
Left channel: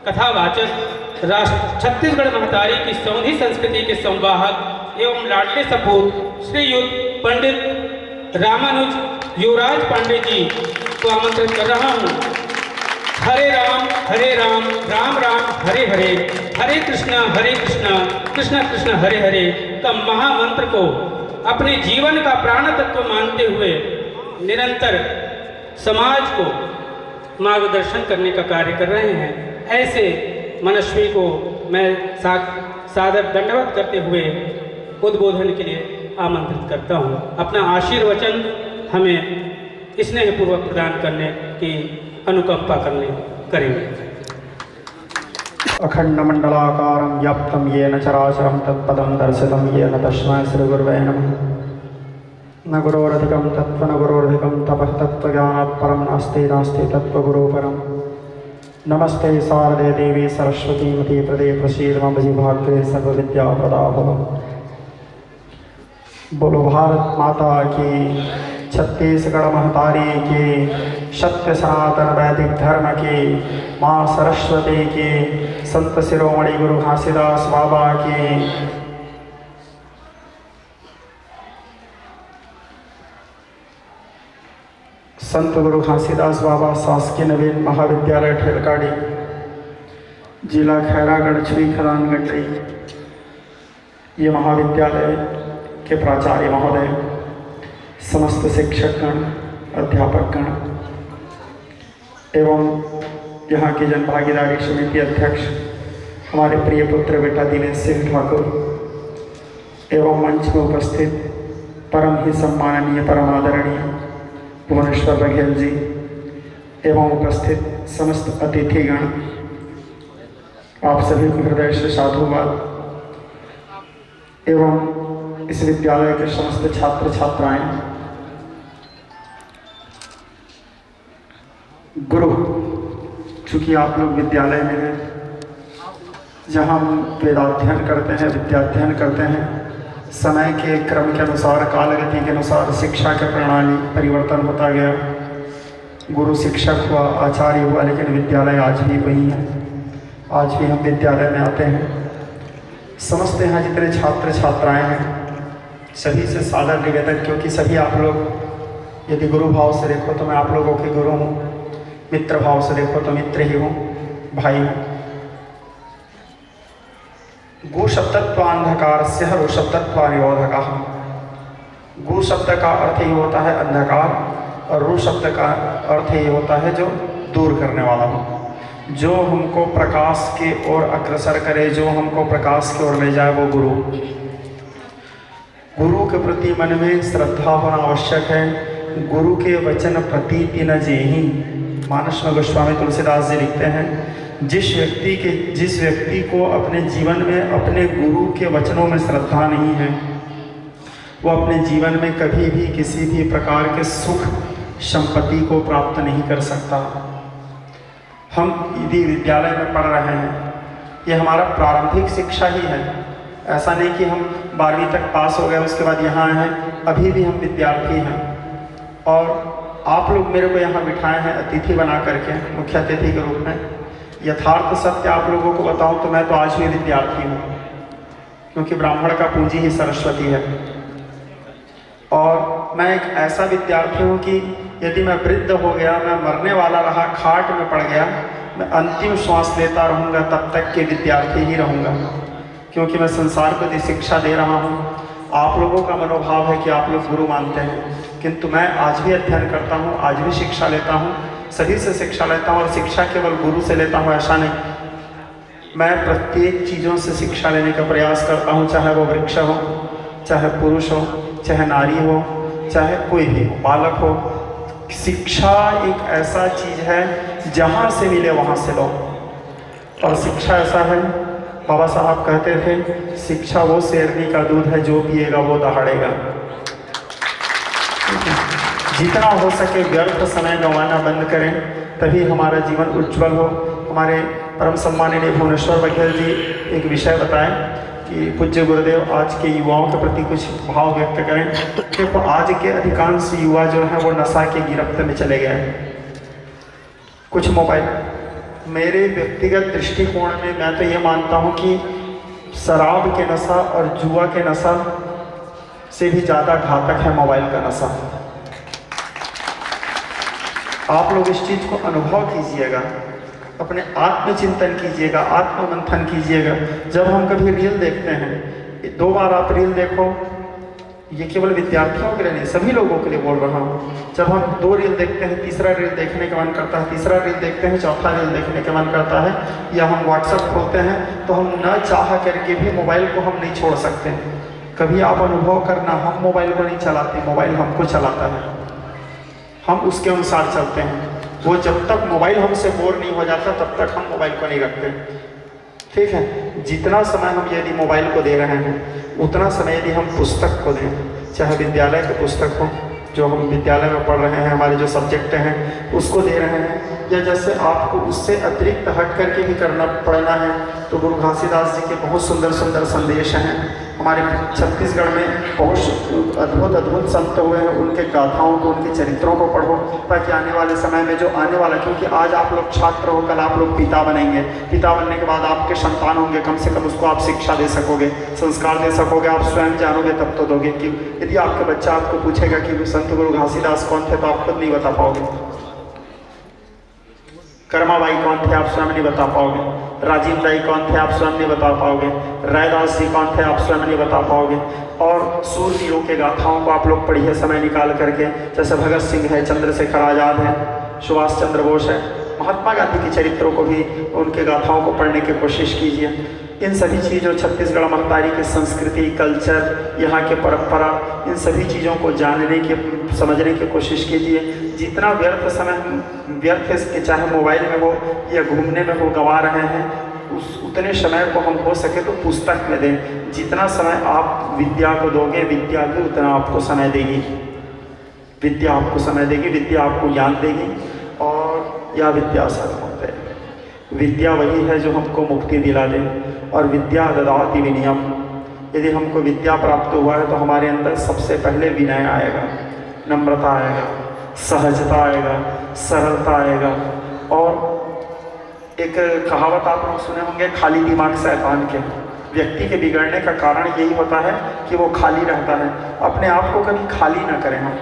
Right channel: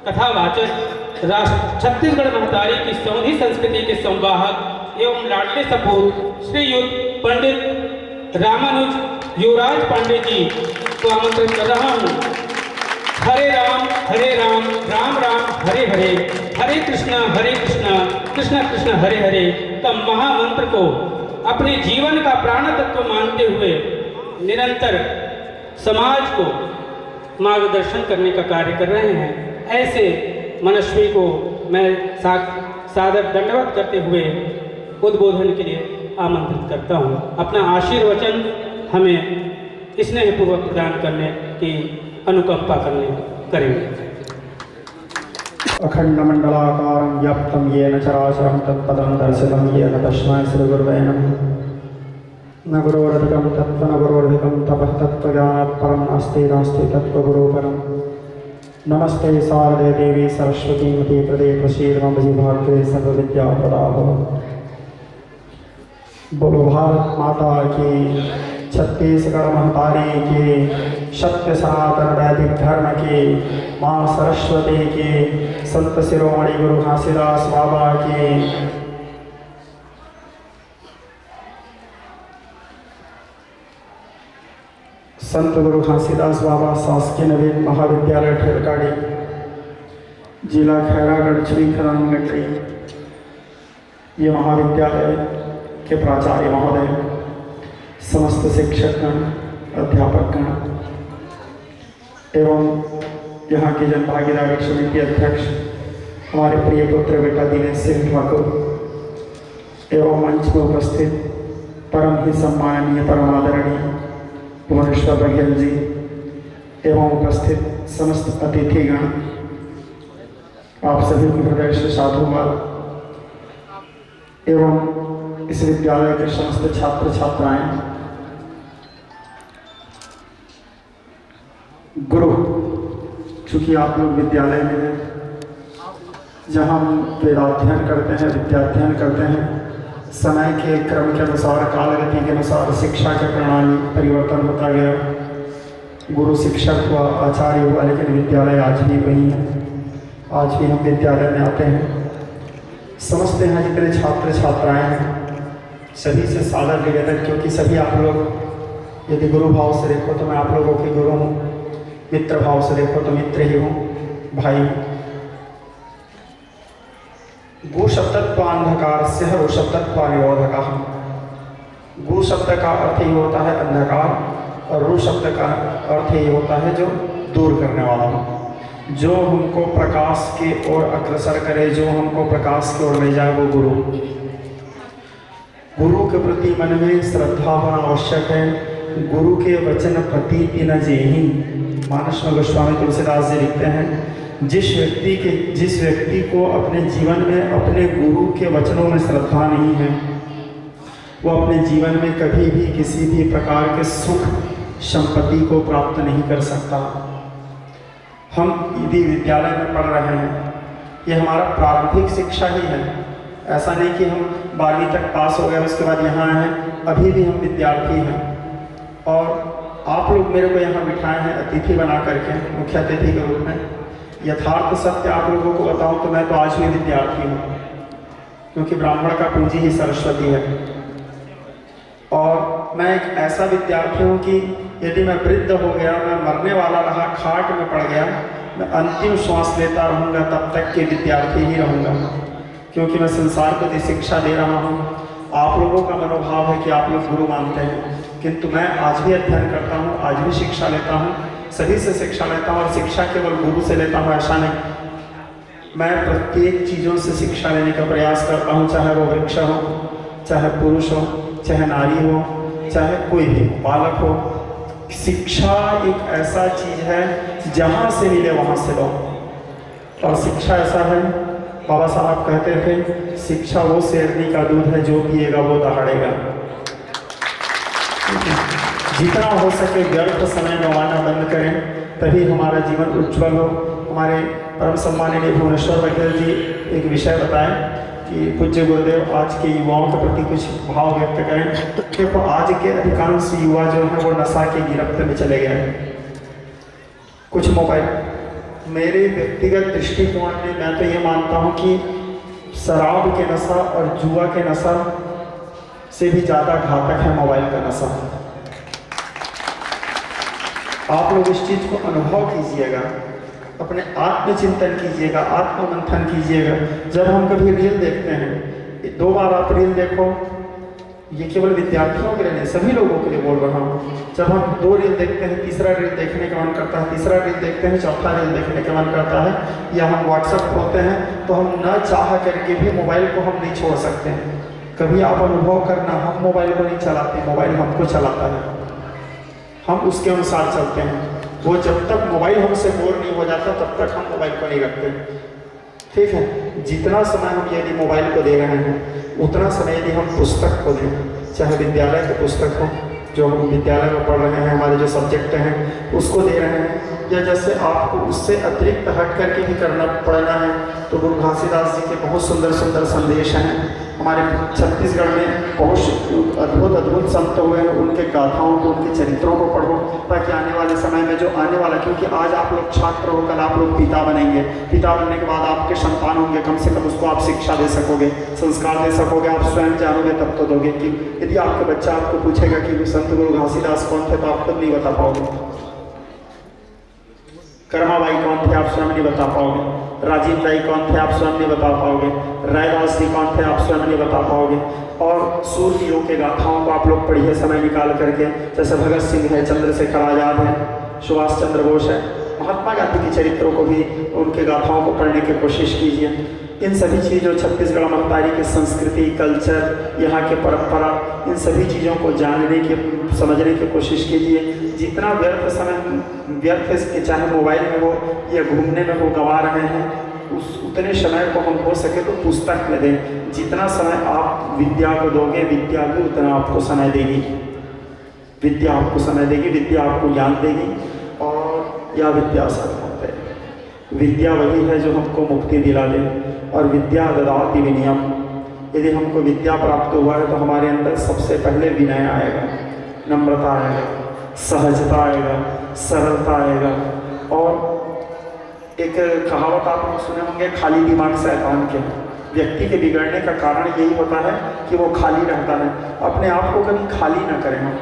कथावाचक छत्तीसगढ़ महतारी की सौंधी संस्कृति के संवाहक एवं लाडले सपूत श्रीयुत पंडित रामानुज युवराज पांडे जी को आमंत्रित कर रहा हूँ। हरे राम राम राम हरे हरे, हरे कृष्णा कृष्ण कृष्ण हरे हरे का महामंत्र को अपने जीवन का प्राण तत्व मानते हुए निरंतर समाज को मार्गदर्शन करने का कार्य कर रहे हैं। ऐसे मनस्वी को मैं सादर दंडवत करते हुए उद्बोधन के लिए आमंत्रित करता हूँ। अपना आशीर्वचन हमें स्नेहपूर्वक प्रदान करने की अनुकंपा करेंगे। अखंडमंडलाकारं व्याप्तं येन चराचरं तत्पदं दर्शितं येन तस्मै श्रीगुरुवे नमः। न गुरोरधिकं तत्त्व न गुरोरधिकं तपः तत्त्वज्ञानात् परं नास्ति नास्ति तत्त्वगुरो परम्। नमस्ते शारदे देवी सरस्वती मती प्रदे प्रसीद मम जीवाग्रे सर्वविद्याप्रदा भव। बोलो भारत माता की, छत्तीसगढ़ महतारी की, सत्य सनातन वैदिक धर्म की, माँ सरस्वती की, संत शिरोमणि गुरु घासीदास बाबा की। संत गुरु घासीदास बाबा शासकीय नवीन महाविद्यालय ठेलकाड़ी, जिला खैरागढ़, श्री खदान गटरी। ये महाविद्यालय के प्राचार्य महोदय, समस्त शिक्षकगण, अध्यापकगण एवं यहाँ की जन भागीदारी समिति अध्यक्ष हमारे प्रिय पुत्र बेटा दिनेश सिंह ठाकुर एवं मंच में उपस्थित परम ही सम्माननीय परम आदरणीय भुवनेश्वर बघेल जी एवं उपस्थित समस्त अतिथिगण, आप सभी को हृदय से साधुवाद एवं इस विद्यालय के समस्त छात्र छात्राएं। गुरु, चूँकि आप लोग विद्यालय में हैं, जहाँ हम वेदाध्ययन करते हैं, विद्याध्ययन करते हैं, समय के क्रम के अनुसार, कालगति के अनुसार शिक्षा का प्रणाली परिवर्तन होता गया। गुरु शिक्षक हुआ, आचार्य हुआ, लेकिन विद्यालय आज भी वही है। आज भी हम विद्यालय में आते हैं। समस्त यहाँ जितने छात्र छात्राएं हैं, सभी से सादर निवेदन, क्योंकि सभी आप लोग यदि गुरु भाव से देखो तो मैं आप लोगों के गुरु हूँ, मित्र भाव से देखो तो मित्र ही हूँ, भाई हूँ। गु शब्दत्वान्धकार से रो शब्दत्वानिरोधकः। गु शब्द का अर्थ ही होता है अंधकार और रू शब्द का अर्थ ही होता है जो दूर करने वाला हो, जो हमको प्रकाश की ओर अग्रसर करे, जो हमको प्रकाश की ओर ले जाए, वो गुरु। गुरु के प्रति मन में श्रद्धा होना आवश्यक है। गुरु के वचन प्रतीति न जेहि। मानस में गोस्वामी तुलसीदास जी लिखते हैं, जिस व्यक्ति को अपने जीवन में अपने गुरु के वचनों में श्रद्धा नहीं है, वो अपने जीवन में कभी भी किसी भी प्रकार के सुख संपत्ति को प्राप्त नहीं कर सकता। हम यदि विद्यालय में पढ़ रहे हैं, ये हमारा प्रारंभिक शिक्षा ही है। ऐसा नहीं कि हम 12वीं तक पास हो गए उसके बाद यहाँ आए हैं, अभी भी हम विद्यार्थी हैं। और आप लोग मेरे को यहाँ बिठाए हैं अतिथि बना करके, मुख्य अतिथि के रूप में। यथार्थ सत्य आप लोगों को बताऊँ तो मैं तो आज भी विद्यार्थी हूँ, क्योंकि ब्राह्मण का पूंजी ही सरस्वती है। और मैं एक ऐसा विद्यार्थी हूँ कि यदि मैं वृद्ध हो गया, मैं मरने वाला रहा, खाट में पड़ गया, मैं अंतिम श्वास लेता रहूँगा, तब तक के विद्यार्थी ही रहूँगा, क्योंकि मैं संसार को जो शिक्षा दे रहा हूँ। आप लोगों का मनोभाव है कि आप लोग गुरु मानते हैं, किंतु मैं आज भी अध्ययन करता हूँ, आज भी शिक्षा लेता हूँ, सभी से शिक्षा लेता हूँ। और शिक्षा केवल गुरु से लेता हूँ ऐसा नहीं, मैं प्रत्येक चीज़ों से शिक्षा लेने का प्रयास करता हूँ, चाहे वो वृक्ष हो, चाहे पुरुष हो, चाहे नारी हो, चाहे कोई भी बालक हो। शिक्षा एक ऐसा चीज़ है, जहाँ से मिले वहाँ से लो। और शिक्षा ऐसा है, बाबा साहब कहते थे, शिक्षा वो शेरनी का दूध है, जो पिएगा वो दहाड़ेगा। जितना हो सके व्यर्थ समय गंवाना बंद करें, तभी हमारा जीवन उज्जवल हो। हमारे परम सम्माननीय भुवनेश्वर बघेल जी एक विषय बताएं कि पूज्य गुरुदेव आज के युवाओं के प्रति कुछ भाव व्यक्त करें। देखो, आज के अधिकांश युवा जो हैं वो नशा के गिरफ्त में चले गए हैं। कुछ मोबाइल, मेरे व्यक्तिगत दृष्टिकोण में मैं तो ये मानता हूँ कि शराब के नशा और जुआ के नशा से भी ज़्यादा घातक है मोबाइल का नशा। आप लोग इस चीज़ को अनुभव कीजिएगा, अपने आत्मचिंतन कीजिएगा, आत्ममंथन कीजिएगा। जब हम कभी रील देखते हैं, 2 बार आप रील देखो, ये केवल विद्यार्थियों के लिए नहीं, सभी लोगों के लिए बोल रहा हूँ। जब हम 2 रील देखते हैं, तीसरा रील देखने का मन करता है, तीसरा रील देखते हैं, चौथा रील देखने का मन करता है, या हम व्हाट्सएप खोलते हैं, तो हम न चाह करके भी मोबाइल को हम नहीं छोड़ सकते। कभी आप अनुभव करना, हम मोबाइल को नहीं चलाते, मोबाइल हमको चलाता है, हम उसके अनुसार चलते हैं। वो जब तक मोबाइल हमसे बोर नहीं हो जाता तब तक हम मोबाइल को नहीं रखते। ठीक है, जितना समय हम यदि मोबाइल को दे रहे हैं उतना समय यदि हम पुस्तक को दें, चाहे विद्यालय की पुस्तक हो, जो हम विद्यालय में पढ़ रहे हैं, हमारे जो सब्जेक्ट हैं उसको दे रहे हैं, या जैसे आपको उससे अतिरिक्त हट करके भी पढ़ना है, तो गुरु घासीदास जी के बहुत सुंदर सुंदर संदेश हैं। हमारे छत्तीसगढ़ में बहुत अद्भुत संत हुए हैं, उनके गाथाओं को, उनके चरित्रों को पढ़ो, ताकि आने वाले समय में जो आने वाला, क्योंकि आज आप लोग छात्र हो, कल आप लोग पिता बनेंगे, पिता बनने के बाद आपके संतान होंगे, कम से कम उसको आप शिक्षा दे सकोगे, संस्कार दे सकोगे, आप स्वयं जानोगे तब तो दोगे। कि यदि आपके बच्चा आपको पूछेगा कि संत गुरु घासीदास कौन थे, तो आप खुद नहीं बता पाओगे। कर्माबाई कौन थे, आप स्वयं नहीं बता पाओगे। राजीव राय कौन थे, आप स्वयं नहीं बता पाओगे। रायदास जी कौन थे, आप स्वयं नहीं बता पाओगे। और सूरवीरों के गाथाओं को आप लोग पढ़िए समय निकाल करके, जैसे भगत सिंह है, चंद्रशेखर आज़ाद है, सुभाष चंद्र बोस है, महात्मा गांधी के चरित्रों को भी, उनके गाथाओं को पढ़ने की कोशिश कीजिए। इन सभी चीज़ों, छत्तीसगढ़ महतारी की संस्कृति, कल्चर, यहाँ के परंपरा, इन सभी चीज़ों को जानने की, समझने की कोशिश कीजिए। जितना व्यर्थ समय व्यर्थ के, चाहे मोबाइल में हो या घूमने में हो, गंवा रहे हैं, उतने समय को हम हो सके तो पुस्तक में दें। जितना समय आप विद्या को दोगे, विद्या भी उतना आपको समय देगी। विद्या आपको समय देगी, विद्या आपको ज्ञान देगी। और या विद्या सर्वम है, विद्या वही है जो हमको मुक्ति दिला दे। और विद्या ददाति विनयम, यदि हमको विद्या प्राप्त हुआ है तो हमारे अंदर सबसे पहले विनय आएगा, नम्रता आएगा, सहजता आएगा, सरलता आएगा। और एक कहावत आप लोग सुने होंगे, खाली दिमाग शैतान के। व्यक्ति के बिगड़ने का कारण यही होता है कि वो खाली रहता है। अपने आप को कभी खाली ना करें, हम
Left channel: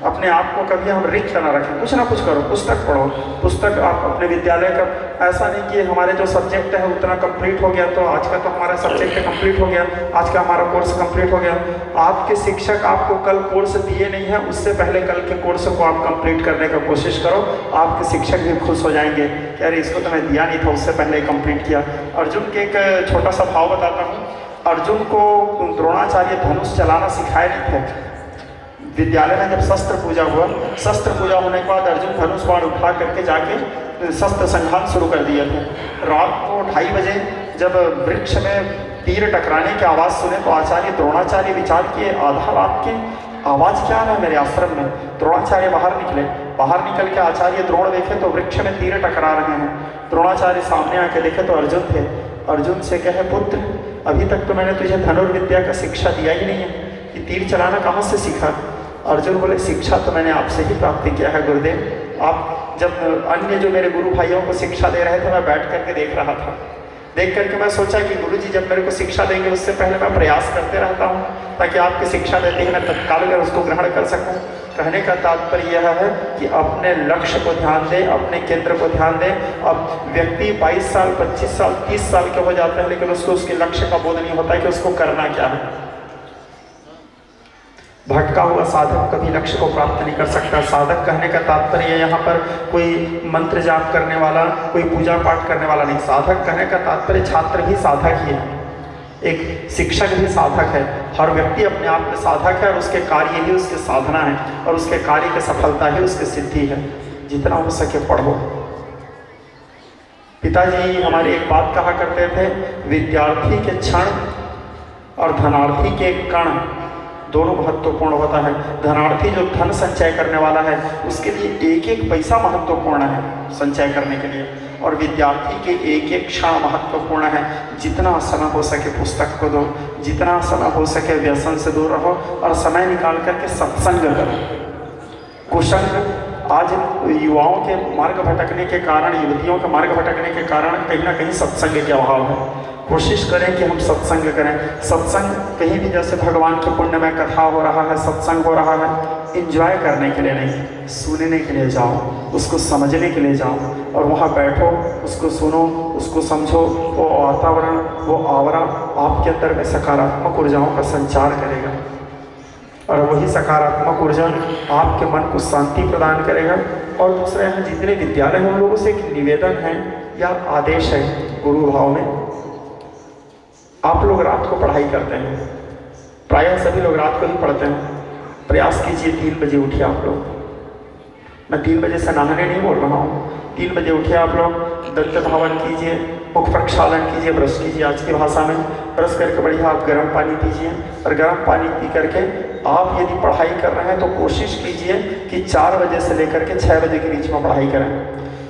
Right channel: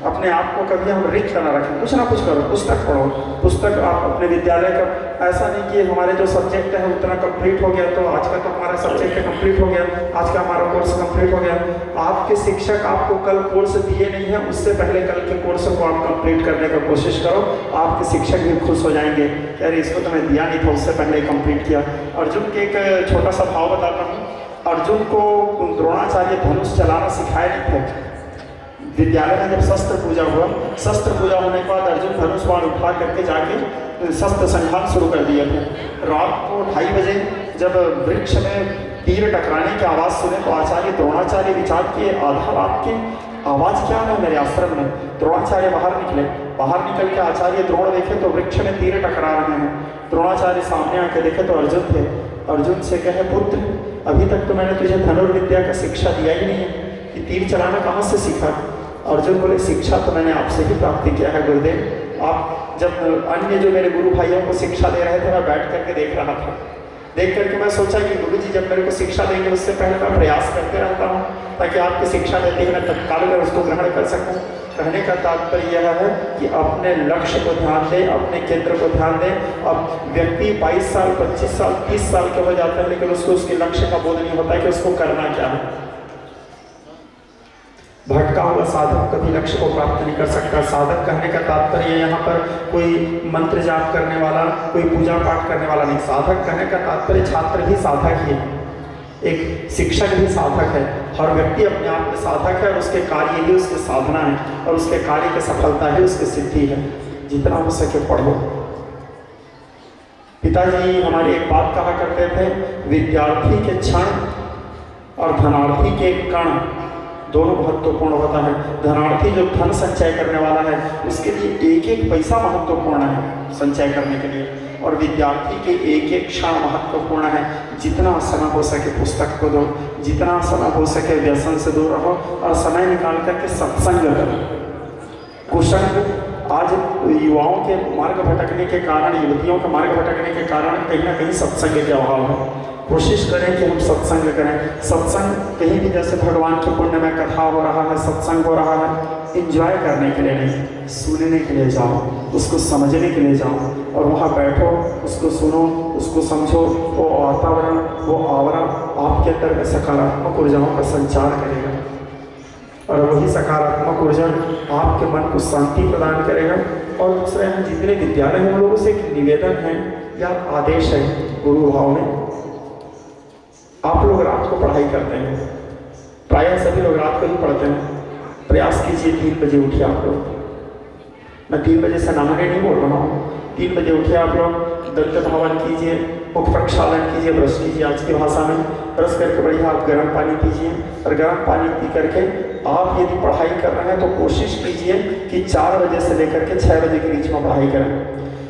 अपने आप को कभी हम रिक्त ना रखें, कुछ ना कुछ करो, पुस्तक पढ़ो। पुस्तक आप अपने विद्यालय का, ऐसा नहीं कि हमारे जो सब्जेक्ट है उतना कंप्लीट हो गया तो आज का तो हमारा सब्जेक्ट कंप्लीट हो गया, आज का हमारा कोर्स कंप्लीट हो गया। आपके शिक्षक आपको कल कोर्स दिए नहीं है, उससे पहले कल के कोर्स को आप कंप्लीट करने का कोशिश करो। आपके शिक्षक भी खुश हो जाएंगे कि अरे इसको तो मैं दिया नहीं था, उससे पहले कंप्लीट किया। अर्जुन के एक छोटा सा भाव बताता हूँ। अर्जुन को द्रोणाचार्य धनुष चलाना सिखाए नहीं थे। विद्यालय में जब शस्त्र पूजा हुआ, शस्त्र पूजा होने के बाद अर्जुन धनुष बाण उठा करके जाके शस्त्र संघान शुरू कर दिए थे। रात को 2:30 बजे जब वृक्ष में तीर टकराने की आवाज़ सुने तो आचार्य द्रोणाचार्य विचार किए, आधा रात की आवाज़ क्या है मेरे आश्रम में। द्रोणाचार्य बाहर निकले, बाहर निकल के आचार्य द्रोण देखे तो वृक्ष में तीर टकरा रहे हैं। द्रोणाचार्य सामने आके देखे तो अर्जुन थे। अर्जुन से कहे, पुत्र अभी तक तो मैंने तुझे धनुर्विद्या का शिक्षा दिया ही नहीं है कि तीर चलाना कहाँ से सीखा। अर्जुन बोले, शिक्षा तो मैंने आपसे ही प्राप्त किया है गुरुदेव। आप जब अन्य जो मेरे गुरु भाइयों को शिक्षा दे रहे थे मैं बैठ करके देख रहा था। देख करके मैं सोचा कि गुरुजी जब मेरे को शिक्षा देंगे उससे पहले मैं प्रयास करते रहता हूँ ताकि आपकी शिक्षा देते ही मैं तत्काल में उसको ग्रहण कर सकूँ। कहने का तात्पर्य यह है कि अपने लक्ष्य को ध्यान दें, अपने केंद्र को ध्यान दें। अब व्यक्ति 22 साल, 25 साल, 30 साल के हो जाते हैं लेकिन उसको उसके लक्ष्य का बोध नहीं होता है कि उसको करना क्या है। भटका हुआ साधक कभी लक्ष्य को प्राप्त नहीं कर सकता। साधक कहने का तात्पर्य यहाँ पर कोई मंत्र जाप करने वाला, कोई पूजा पाठ करने वाला नहीं। साधक कहने का तात्पर्य छात्र भी साधक ही है, एक शिक्षक भी साधक है। हर व्यक्ति अपने आप में साधक है और उसके कार्य ही उसकी साधना है और उसके कार्य की सफलता ही उसकी सिद्धि है। जितना हो सके पढ़ो। पिताजी हमारे एक बात कहा करते थे, विद्यार्थी के क्षण और धनार्थी के कण दोनों महत्वपूर्ण होता है। धनार्थी जो धन संचय करने वाला है उसके लिए एक एक पैसा महत्वपूर्ण है संचय करने के लिए, और विद्यार्थी के एक एक क्षण महत्वपूर्ण है। जितना समय हो सके पुस्तक को दो, जितना समय हो सके व्यसन से दूर रहो और समय निकाल करके सत्संग करो। कुसंग आज युवाओं के मार्ग भटकने के कारण, युवतियों के मार्ग भटकने के कारण कहीं ना कहीं सत्संग के अभाव है। कोशिश करें कि हम सत्संग करें। सत्संग कहीं भी जैसे भगवान के पुण्य में कथा हो रहा है, सत्संग हो रहा है, एंजॉय करने के लिए नहीं, सुनने के लिए जाओ, उसको समझने के लिए जाओ और वहाँ बैठो, उसको सुनो, उसको समझो। वो वातावरण, वो आवरण आपके अंदर में सकारात्मक ऊर्जाओं का संचार करेगा। और वही सकारात्मक ऊर्जा आपके मन को शांति प्रदान करेगा। और दूसरा, यहाँ जितने विद्यालय हैं उन लोगों से एक निवेदन है या आदेश है गुरु भाव में, आप लोग रात को पढ़ाई करते हैं, प्रायः सभी लोग रात को ही पढ़ते हैं, प्रयास कीजिए 3 बजे उठिए आप लोग। मैं 3 बजे से नहाने नहीं बोल रहा हूँ, 3 बजे उठिए आप लोग, दंत धावन कीजिए, मुख प्रक्षालन कीजिए, ब्रश कीजिए, आज की भाषा में ब्रश करके बढ़िया आप गर्म पानी पीजिए। और गर्म पानी पी करके आप यदि पढ़ाई कर रहे हैं तो कोशिश कीजिए कि 4 बजे से लेकर के 6 बजे के बीच में पढ़ाई करें,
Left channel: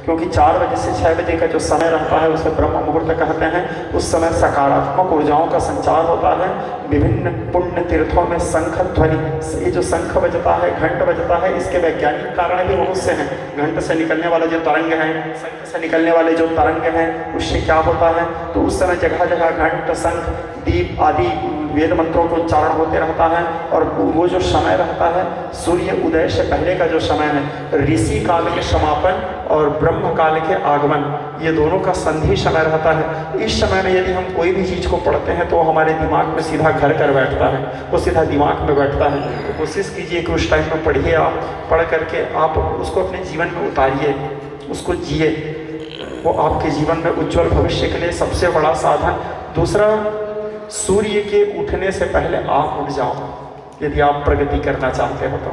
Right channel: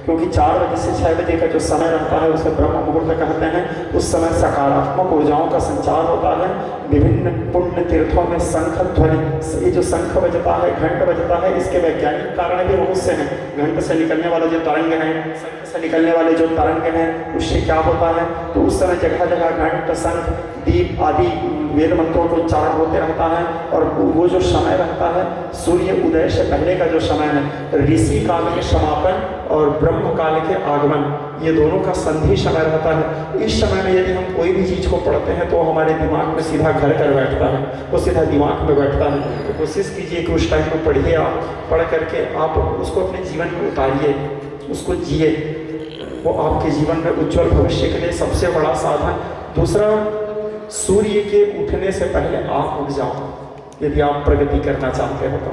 क्योंकि 4 बजे से 6 बजे का जो समय रहता है उसे ब्रह्म मुहूर्त कहते हैं। उस समय सकारात्मक ऊर्जाओं का संचार होता है। विभिन्न पुण्य तीर्थों में शंख ध्वनि, ये जो शंख बजता है, घंट बजता है, इसके वैज्ञानिक कारण भी बहुत से हैं। घंट से निकलने वाले जो तरंग हैं, शंख से निकलने वाले जो तरंग हैं, उससे क्या होता है, तो उस समय जगह जगह घंट, शंख, दीप आदि वेद मंत्रों का उच्चारण होते रहता है। और वो जो समय रहता है सूर्य उदय से पहले का जो समय है, ऋषि काल के समापन और ब्रह्म काल के आगमन, ये दोनों का संधि समय रहता है। इस समय में यदि हम कोई भी चीज़ को पढ़ते हैं तो हमारे दिमाग में सीधा घर कर बैठता है, वो सीधा दिमाग में बैठता है। तो कोशिश कीजिए कि उस टाइम में पढ़िए, आप पढ़ करके आप उसको अपने जीवन में उतारिए, उसको जिए, वो आपके जीवन में उज्जवल भविष्य के लिए सबसे बड़ा साधन। दूसरा, सूर्य के उठने से पहले आप उठ जाओ यदि आप प्रगति करना चाहते हो तो।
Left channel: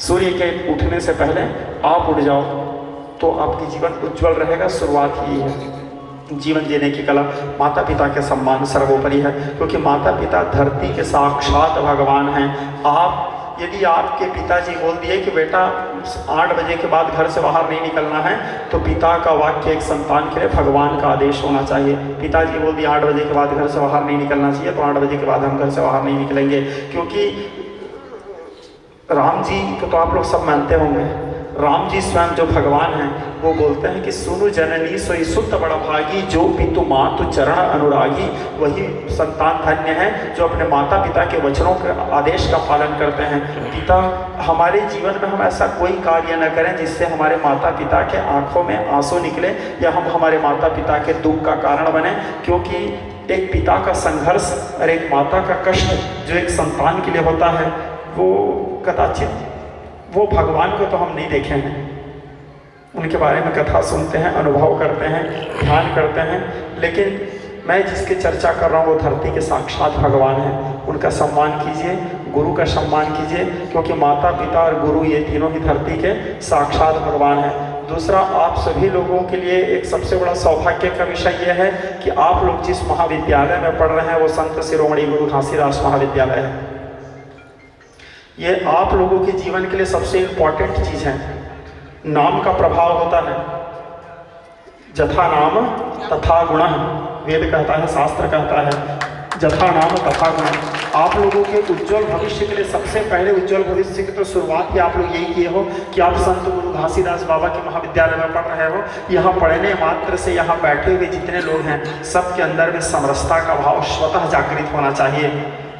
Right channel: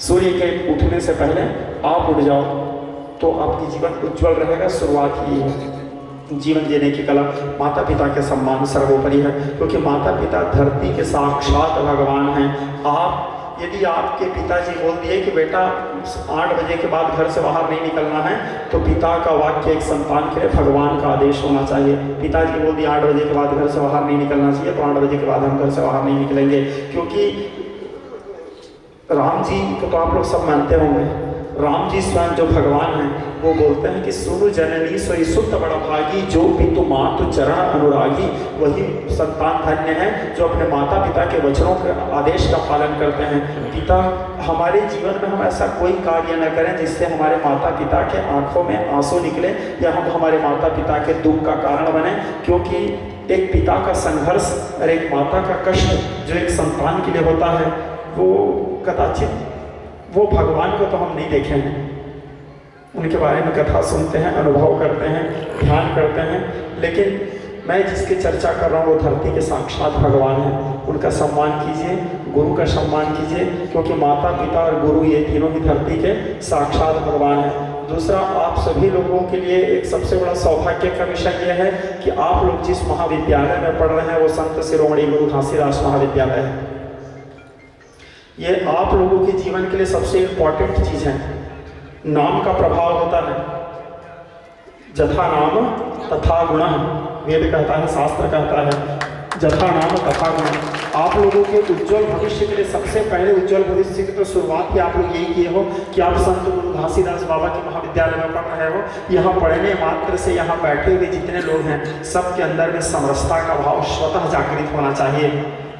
सूर्य के उठने से पहले आप उठ जाओ तो आपकी जीवन उज्जवल रहेगा। शुरुआत ही है। जीवन जीने की कला, माता पिता के सम्मान सर्वोपरि है, क्योंकि माता पिता धरती के साक्षात भगवान हैं। आप यदि आपके पिताजी बोल दिए कि बेटा 8 बजे के बाद घर से बाहर नहीं निकलना है, तो पिता का वाक्य एक संतान के लिए भगवान का आदेश होना चाहिए। पिताजी बोल दिए 8 बजे के बाद घर से बाहर नहीं निकलना चाहिए, तो 8 बजे के बाद हम घर से बाहर नहीं निकलेंगे। क्योंकि राम जी को तो आप लोग सब मानते होंगे, राम जी स्वयं जो भगवान हैं वो बोलते हैं कि सुनु जननी सोई सुत बड़ भागी, जो पितु मातु चरण अनुरागी। वही संतान धन्य है जो अपने माता पिता के वचनों के आदेश का पालन करते हैं। पिता, हमारे जीवन में हम ऐसा कोई कार्य न करें जिससे हमारे माता पिता के आंखों में आंसू निकले या हम हमारे माता पिता के दुख का कारण बने। क्योंकि एक पिता का संघर्ष और एक माता का कष्ट जो एक संतान के लिए होता है, वो कदाचित वो भगवान को तो हम नहीं देखे हैं, उनके बारे में कथा सुनते हैं, अनुभव करते हैं, ध्यान करते हैं, लेकिन मैं जिसकी चर्चा कर रहा हूँ वो धरती के साक्षात भगवान हैं। उनका सम्मान कीजिए, गुरु का सम्मान कीजिए, क्योंकि माता पिता और गुरु ये तीनों ही धरती के साक्षात भगवान हैं। दूसरा, आप सभी लोगों के लिए एक सबसे बड़ा सौभाग्य का विषय यह है कि आप लोग जिस महाविद्यालय में पढ़ रहे हैं वो संत शिरोमणि गुरु घासीदास महाविद्यालय है। ये आप लोगों के जीवन के लिए सबसे इम्पॉर्टेंट चीज़ है। नाम का प्रभाव होता है, जथा नाम तथा गुण, वेद कहता है, शास्त्र कहता है, जथा नाम तथा गुण। आप लोगों के उज्जवल भविष्य के लिए सबसे पहले उज्जवल भविष्य की तो शुरुआत ही आप लोग यही किए हो कि आप संत गुरु घासीदास बाबा के महाविद्यालय में पढ़ रहे हो। यहाँ पढ़ने मात्र से यहाँ बैठे हुए जितने लोग हैं सबके अंदर में समरसता का भाव स्वतः जागृत होना चाहिए,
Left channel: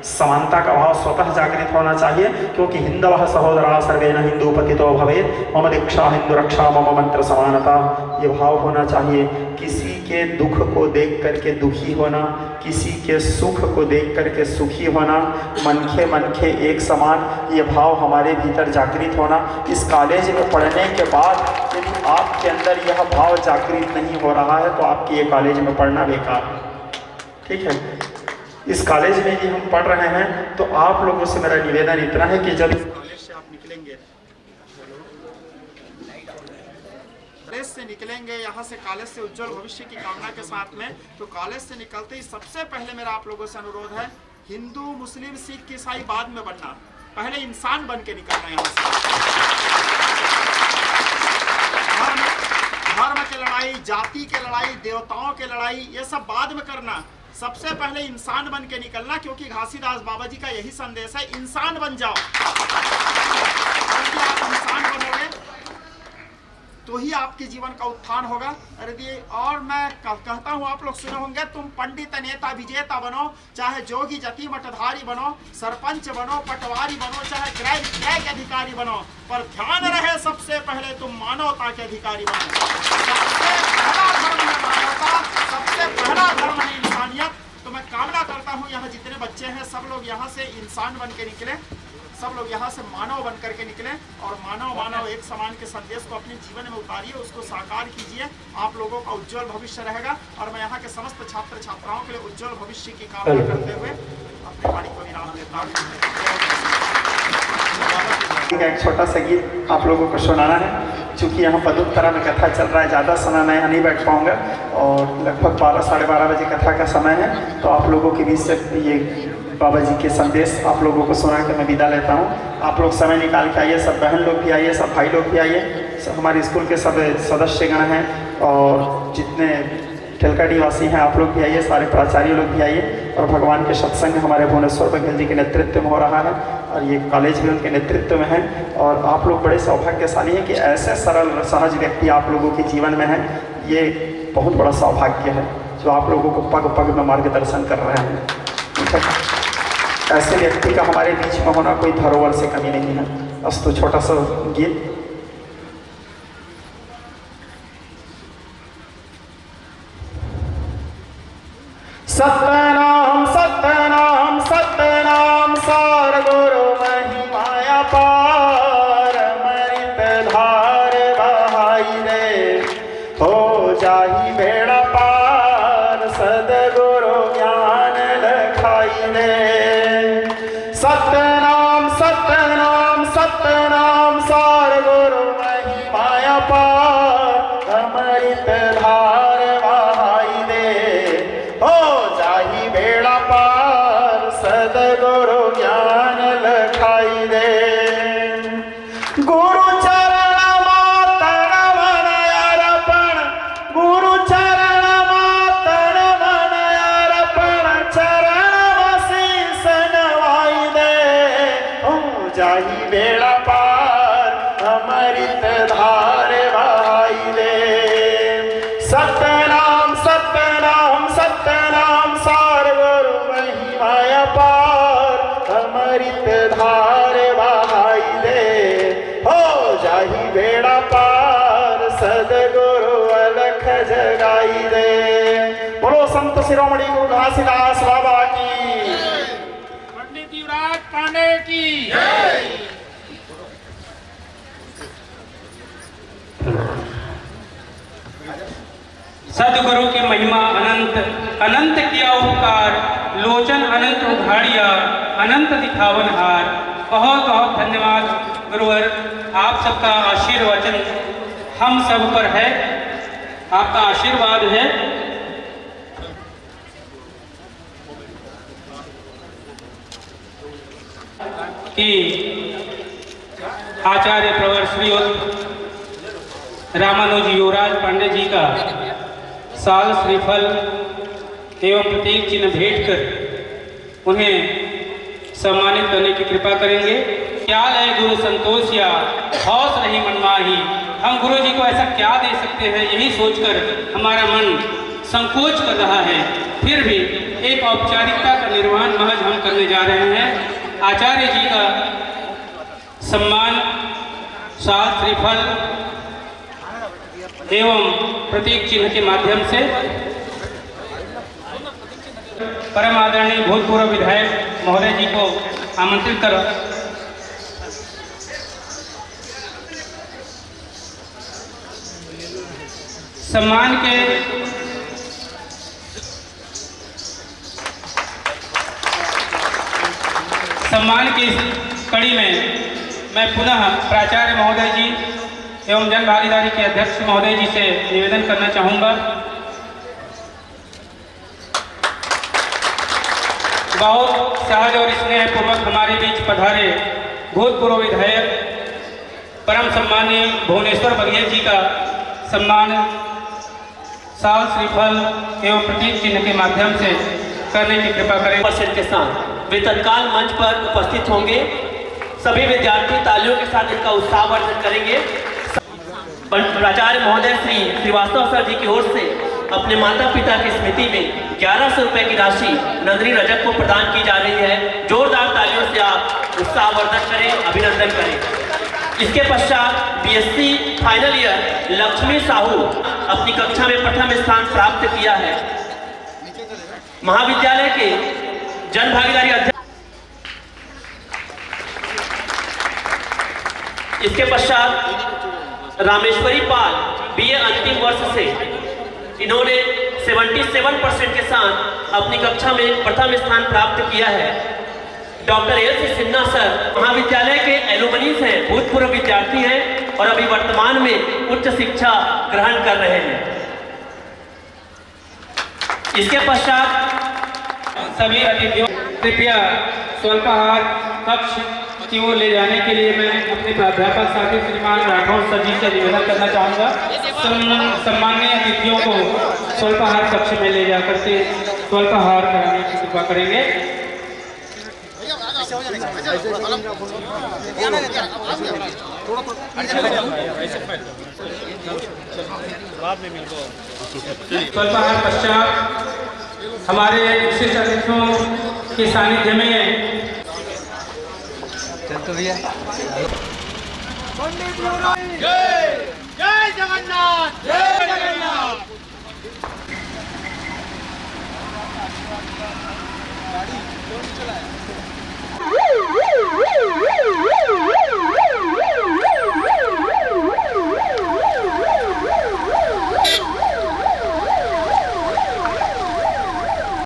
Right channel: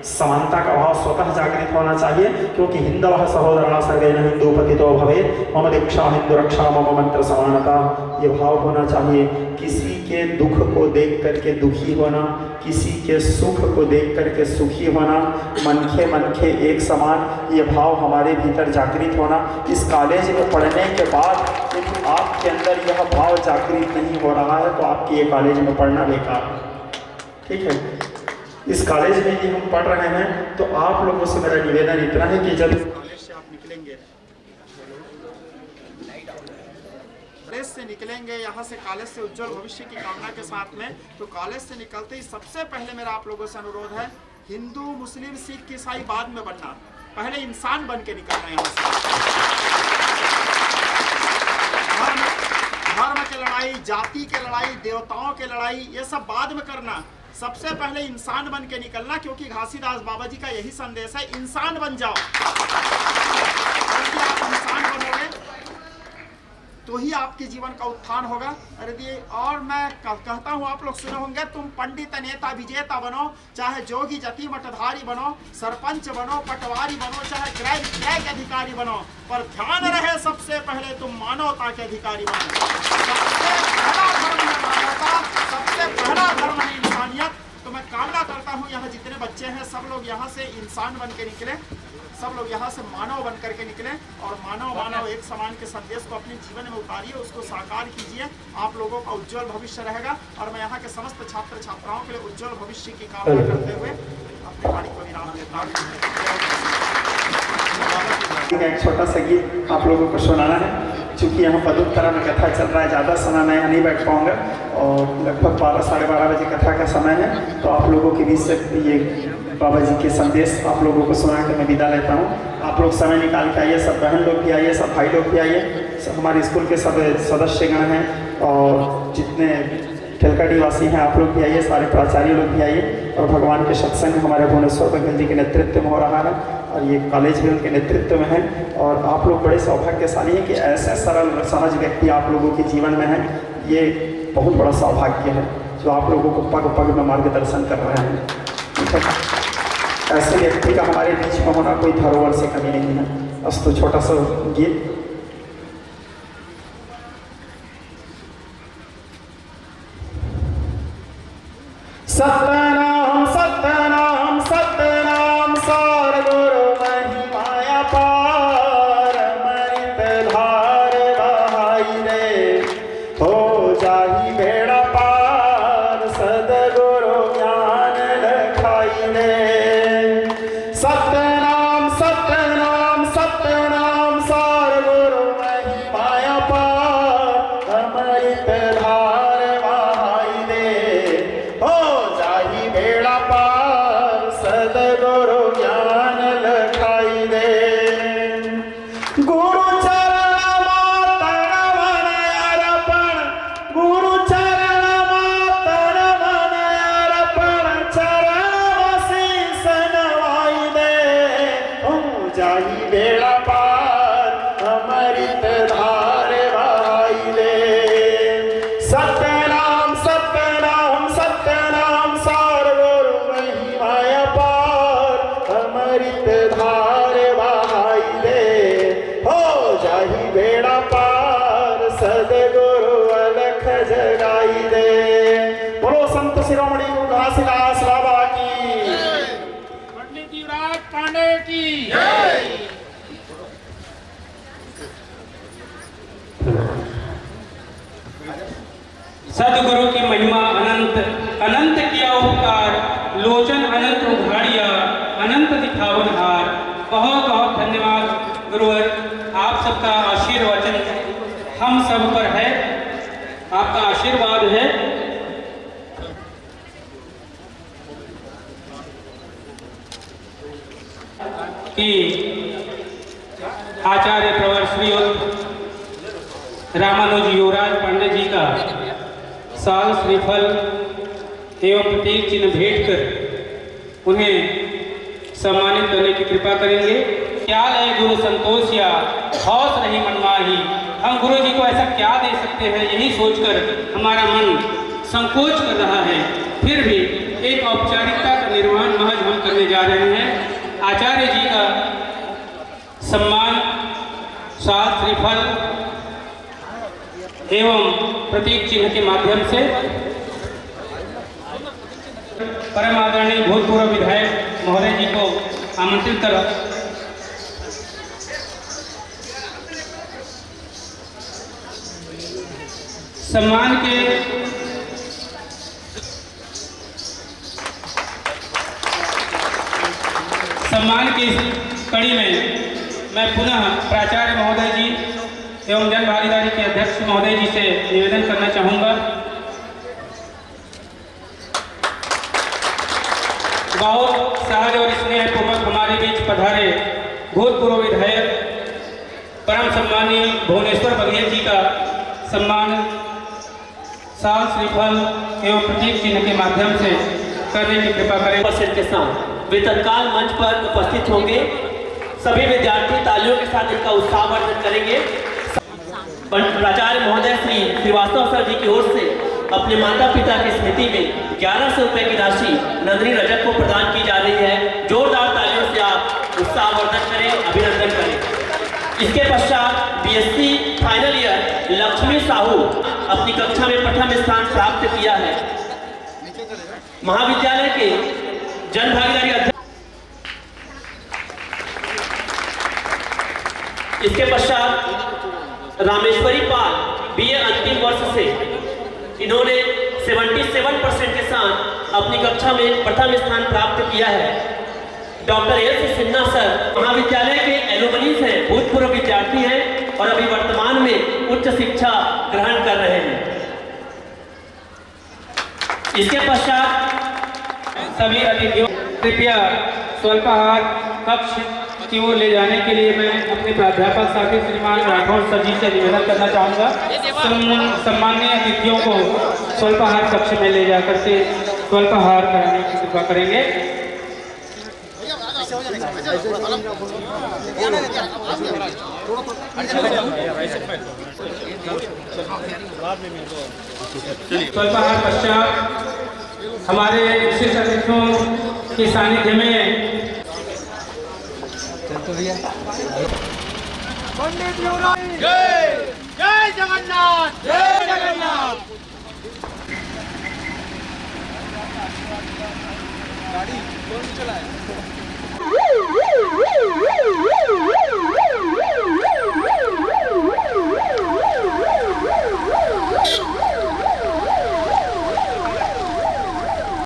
समानता का भाव स्वतः जागृत होना चाहिए। क्योंकि हिंदवः सहोदरा सर्वे न हिंदुपतितो भवेत्, मम दीक्षा हिंदू रक्षा मम मंत्र समानता, ये भाव होना चाहिए। किसी के दुख को देख करके दुखी होना, किसी के सुख को देख करके सुखी होना, मनखे एक समान, ये भाव हमारे भीतर जागृत होना। इस कॉलेज में पढ़ने के बाद यदि आपके अंदर यह भाव जागृत नहीं हो रहा है तो आपके ये कॉलेज में पढ़ना बेकार है। ठीक है, इस कॉलेज में यदि हम पढ़ रहे हैं तो आप लोगों से मेरा निवेदन इतना है कि जब कॉलेज से आप निकलेंगे, कॉलेज से निकलेंगे यहाँ से, कॉलेज से उज्जवल भविष्य की कामना के साथ में, तो कॉलेज से निकलते ही सबसे पहले मेरा आप लोगों से अनुरोध है, हिंदू मुस्लिम सिख ईसाई बाद में बनना, पहले इंसान बन के निकलना। यहाँ से धर्म की लड़ाई, जाति की लड़ाई, देवताओं की लड़ाई, ये सब बाद में करना, सबसे पहले इंसान बन के निकलना। क्योंकि घासीदास बाबा जी का यही संदेश है, इंसान बन जाओ। आप इंसान बनोगे तो ही आपके जीवन का उत्थान होगा। अरे और मैं कहता हूँ, आप लोग सुने होंगे, तुम पंडित नेता विजेता बनो, चाहे जोगी जति मठधारी बनो, सरपंच बनो, पटवारी बनो, चाहे क्रय के अधिकारी बनो, पर ध्यान रहे सबसे पहले तुम मानवता के अधिकारी बनो। सबसे पहला धर्म है मानवता, सबसे पहला धर्म है इंसानियत। तो मैं कामना करता हूँ यहाँ जितने बच्चे हैं सब लोग यहाँ से इंसान बन के निकले, सब लोग यहाँ से मानव बन करके निकले और मानव मानव एक समान के संदेश को अपने जीवन में उतारिए, उसको साकार कीजिए। आप लोगों का उज्जवल भविष्य रहेगा और मैं यहाँ के समस्त छात्र छात्राओं के लिए उज्जवल भविष्य की कामना करते हुए अपनी वाणी को विराम देता हूँ। एक छोटा सा गीत आप लोगों को सुनाना है। चूँकि यहाँ पदोत्तरा में कथा चल रहा है, ज़्यादा समय मैं यहाँ नहीं बैठ पाऊँगा और लगभग 12 साढ़े 12 बजे कथा का समय है, तो आप लोगों के बीच से ये बाबा जी के संदेश आप लोगों को सुना के मैं विदा लेता हूँ। आप लोग समय निकाल के आइए, सब बहन लोग भी आइए, सब भाई लोग भी आइए, सब हमारे स्कूल के सब सदस्यगण हैं और जितने ठेलकाडी वासी हैं आप लोग भी आइए, सारे प्राचार्य लोग भी आइए। और भगवान के सत्संग हमारे भुवनेश्वर बघेल जी के नेतृत्व में हो रहा है और ये कॉलेज भी उनके नेतृत्व में है। और आप लोग बड़े सौभाग्यशाली हैं कि ऐसे सरल सहज व्यक्ति आप लोगों के जीवन में हैं। ये बहुत बड़ा सौभाग्य है जो आप लोगों को पग पग में मार्गदर्शन कर रहे हैं। ऐसे व्यक्ति का हमारे बीच में होना कोई धरोहर से कमी नहीं है। अस्तु छोटा सा गीत। सतनाम सतनाम सतनाम सार गुरु महिमाया पार मृत धार बहाई रे हो जाही बेड़ा पार सदगुरु ज्ञान लखाई रे। सतनाम सतनाम सतनाम सार गुरु महिमाया पार अमृत धार बहाई रे हो जाही बेड़ा पार सदगुरु ज्ञान लखाई दे। गुरु चरण मातन मन अर्पण, गुरु चरण मातन मन अर्पण, चरण शीस नवाई दे हो जाही बेड़ा पार अमृत धार बहाई दे। सतनाम सतनाम सतनाम सार गुरु महिमाया पार अमृत धार बहाई दे हो जाही बेड़ा पार सदगुरु अलख जगाई दे। बोलो संत शिरोमणि गुरु घासीदास बाबा की, पंडित युवराज पांडे की जय। सदगुरु की महिमा अनंत, अनंत किया उपकार, लोचन अनंत उघाड़िया, अनंत दिखावन हार। बहुत बहुत धन्यवाद गुरुवर, आप सबका आशीर्वचन हम सब पर है, आपका आशीर्वाद है। कि आचार्य प्रवर श्रीयुत रामानुज युवराज पांडे जी का साल श्रीफल एवं प्रतीक चिन्ह भेंट कर उन्हें सम्मानित करने की कृपा करेंगे। क्या लय गुरु संतोष या हौस रही मनमाही, हम गुरु जी को ऐसा क्या दे सकते हैं, यही सोचकर हमारा मन संकोच कर रहा है। फिर भी एक औपचारिकता का निर्वहन महज हम करने जा रहे हैं। आचार्य जी का सम्मान साल श्रीफल एवं प्रतीक चिन्ह के माध्यम से परम आदरणीय भूतपूर्व विधायक महोदय जी को आमंत्रित कर सम्मान की इस कड़ी में मैं पुनः प्राचार्य महोदय जी एवं जन भागीदारी के अध्यक्ष महोदय जी से निवेदन करना चाहूँगा। बहुत सहज और स्नेहपूर्वक हमारे बीच पधारे भूतपूर्व विधायक परम सम्मानीय भुवनेश्वर बघेल जी का सम्मान साल श्रीफल एवं प्रतीक चिन्ह के माध्यम से करने की कृपा करें। उपस्थित के साथ वे तत्काल मंच पर उपस्थित होंगे। सभी विद्यार्थी तालियों के साथ इनका उत्साहवर्धन करेंगे। प्राचार्य महोदय श्री श्रीवास्तव सर जी की ओर से अपने माता पिता की स्मृति में 1100 रुपए की राशि नंदिनी रजक को प्रदान की जा रही है। जोरदार तालियों से आप उत्साहवर्धन करें, अभिनंदन करें। इसके पश्चात BSc final year Lakshmi Sahu अपनी कक्षा में प्रथम स्थान प्राप्त किया है। महाविद्यालय के जन भागीदारी अध्यक्ष इसके पश्चात रामेश्वरी पाल बीए अंतिम वर्ष से इन्होंने 77% के साथ अपनी कक्षा में प्रथम स्थान प्राप्त किया है। डॉक्टर एस सिन्हा सर महाविद्यालय के एलुमनीज हैं, भूतपूर्व विद्यार्थी हैं और अभी वर्तमान में उच्च शिक्षा ग्रहण कर रहे हैं। इसके पश्चात सभी अतिथियों कृपया स्वल्पाहार कक्ष की ओर ले जाने के लिए मैं अपने प्राध्यापक साथी श्रीमान राठौर सर जी से निवेदन करना चाहूँगा। सम्माननीय अतिथियों को स्वल्पाहार कक्ष में ले जाकर के स्वल्पाहार कराने की कृपा करेंगे। स्वल्पाहार पश्चात हमारे विशिष्ट अतिथियों के सानिध्य में जय जगन्नाथ जय जगन्नाथ। गाड़ी कौन चलाए?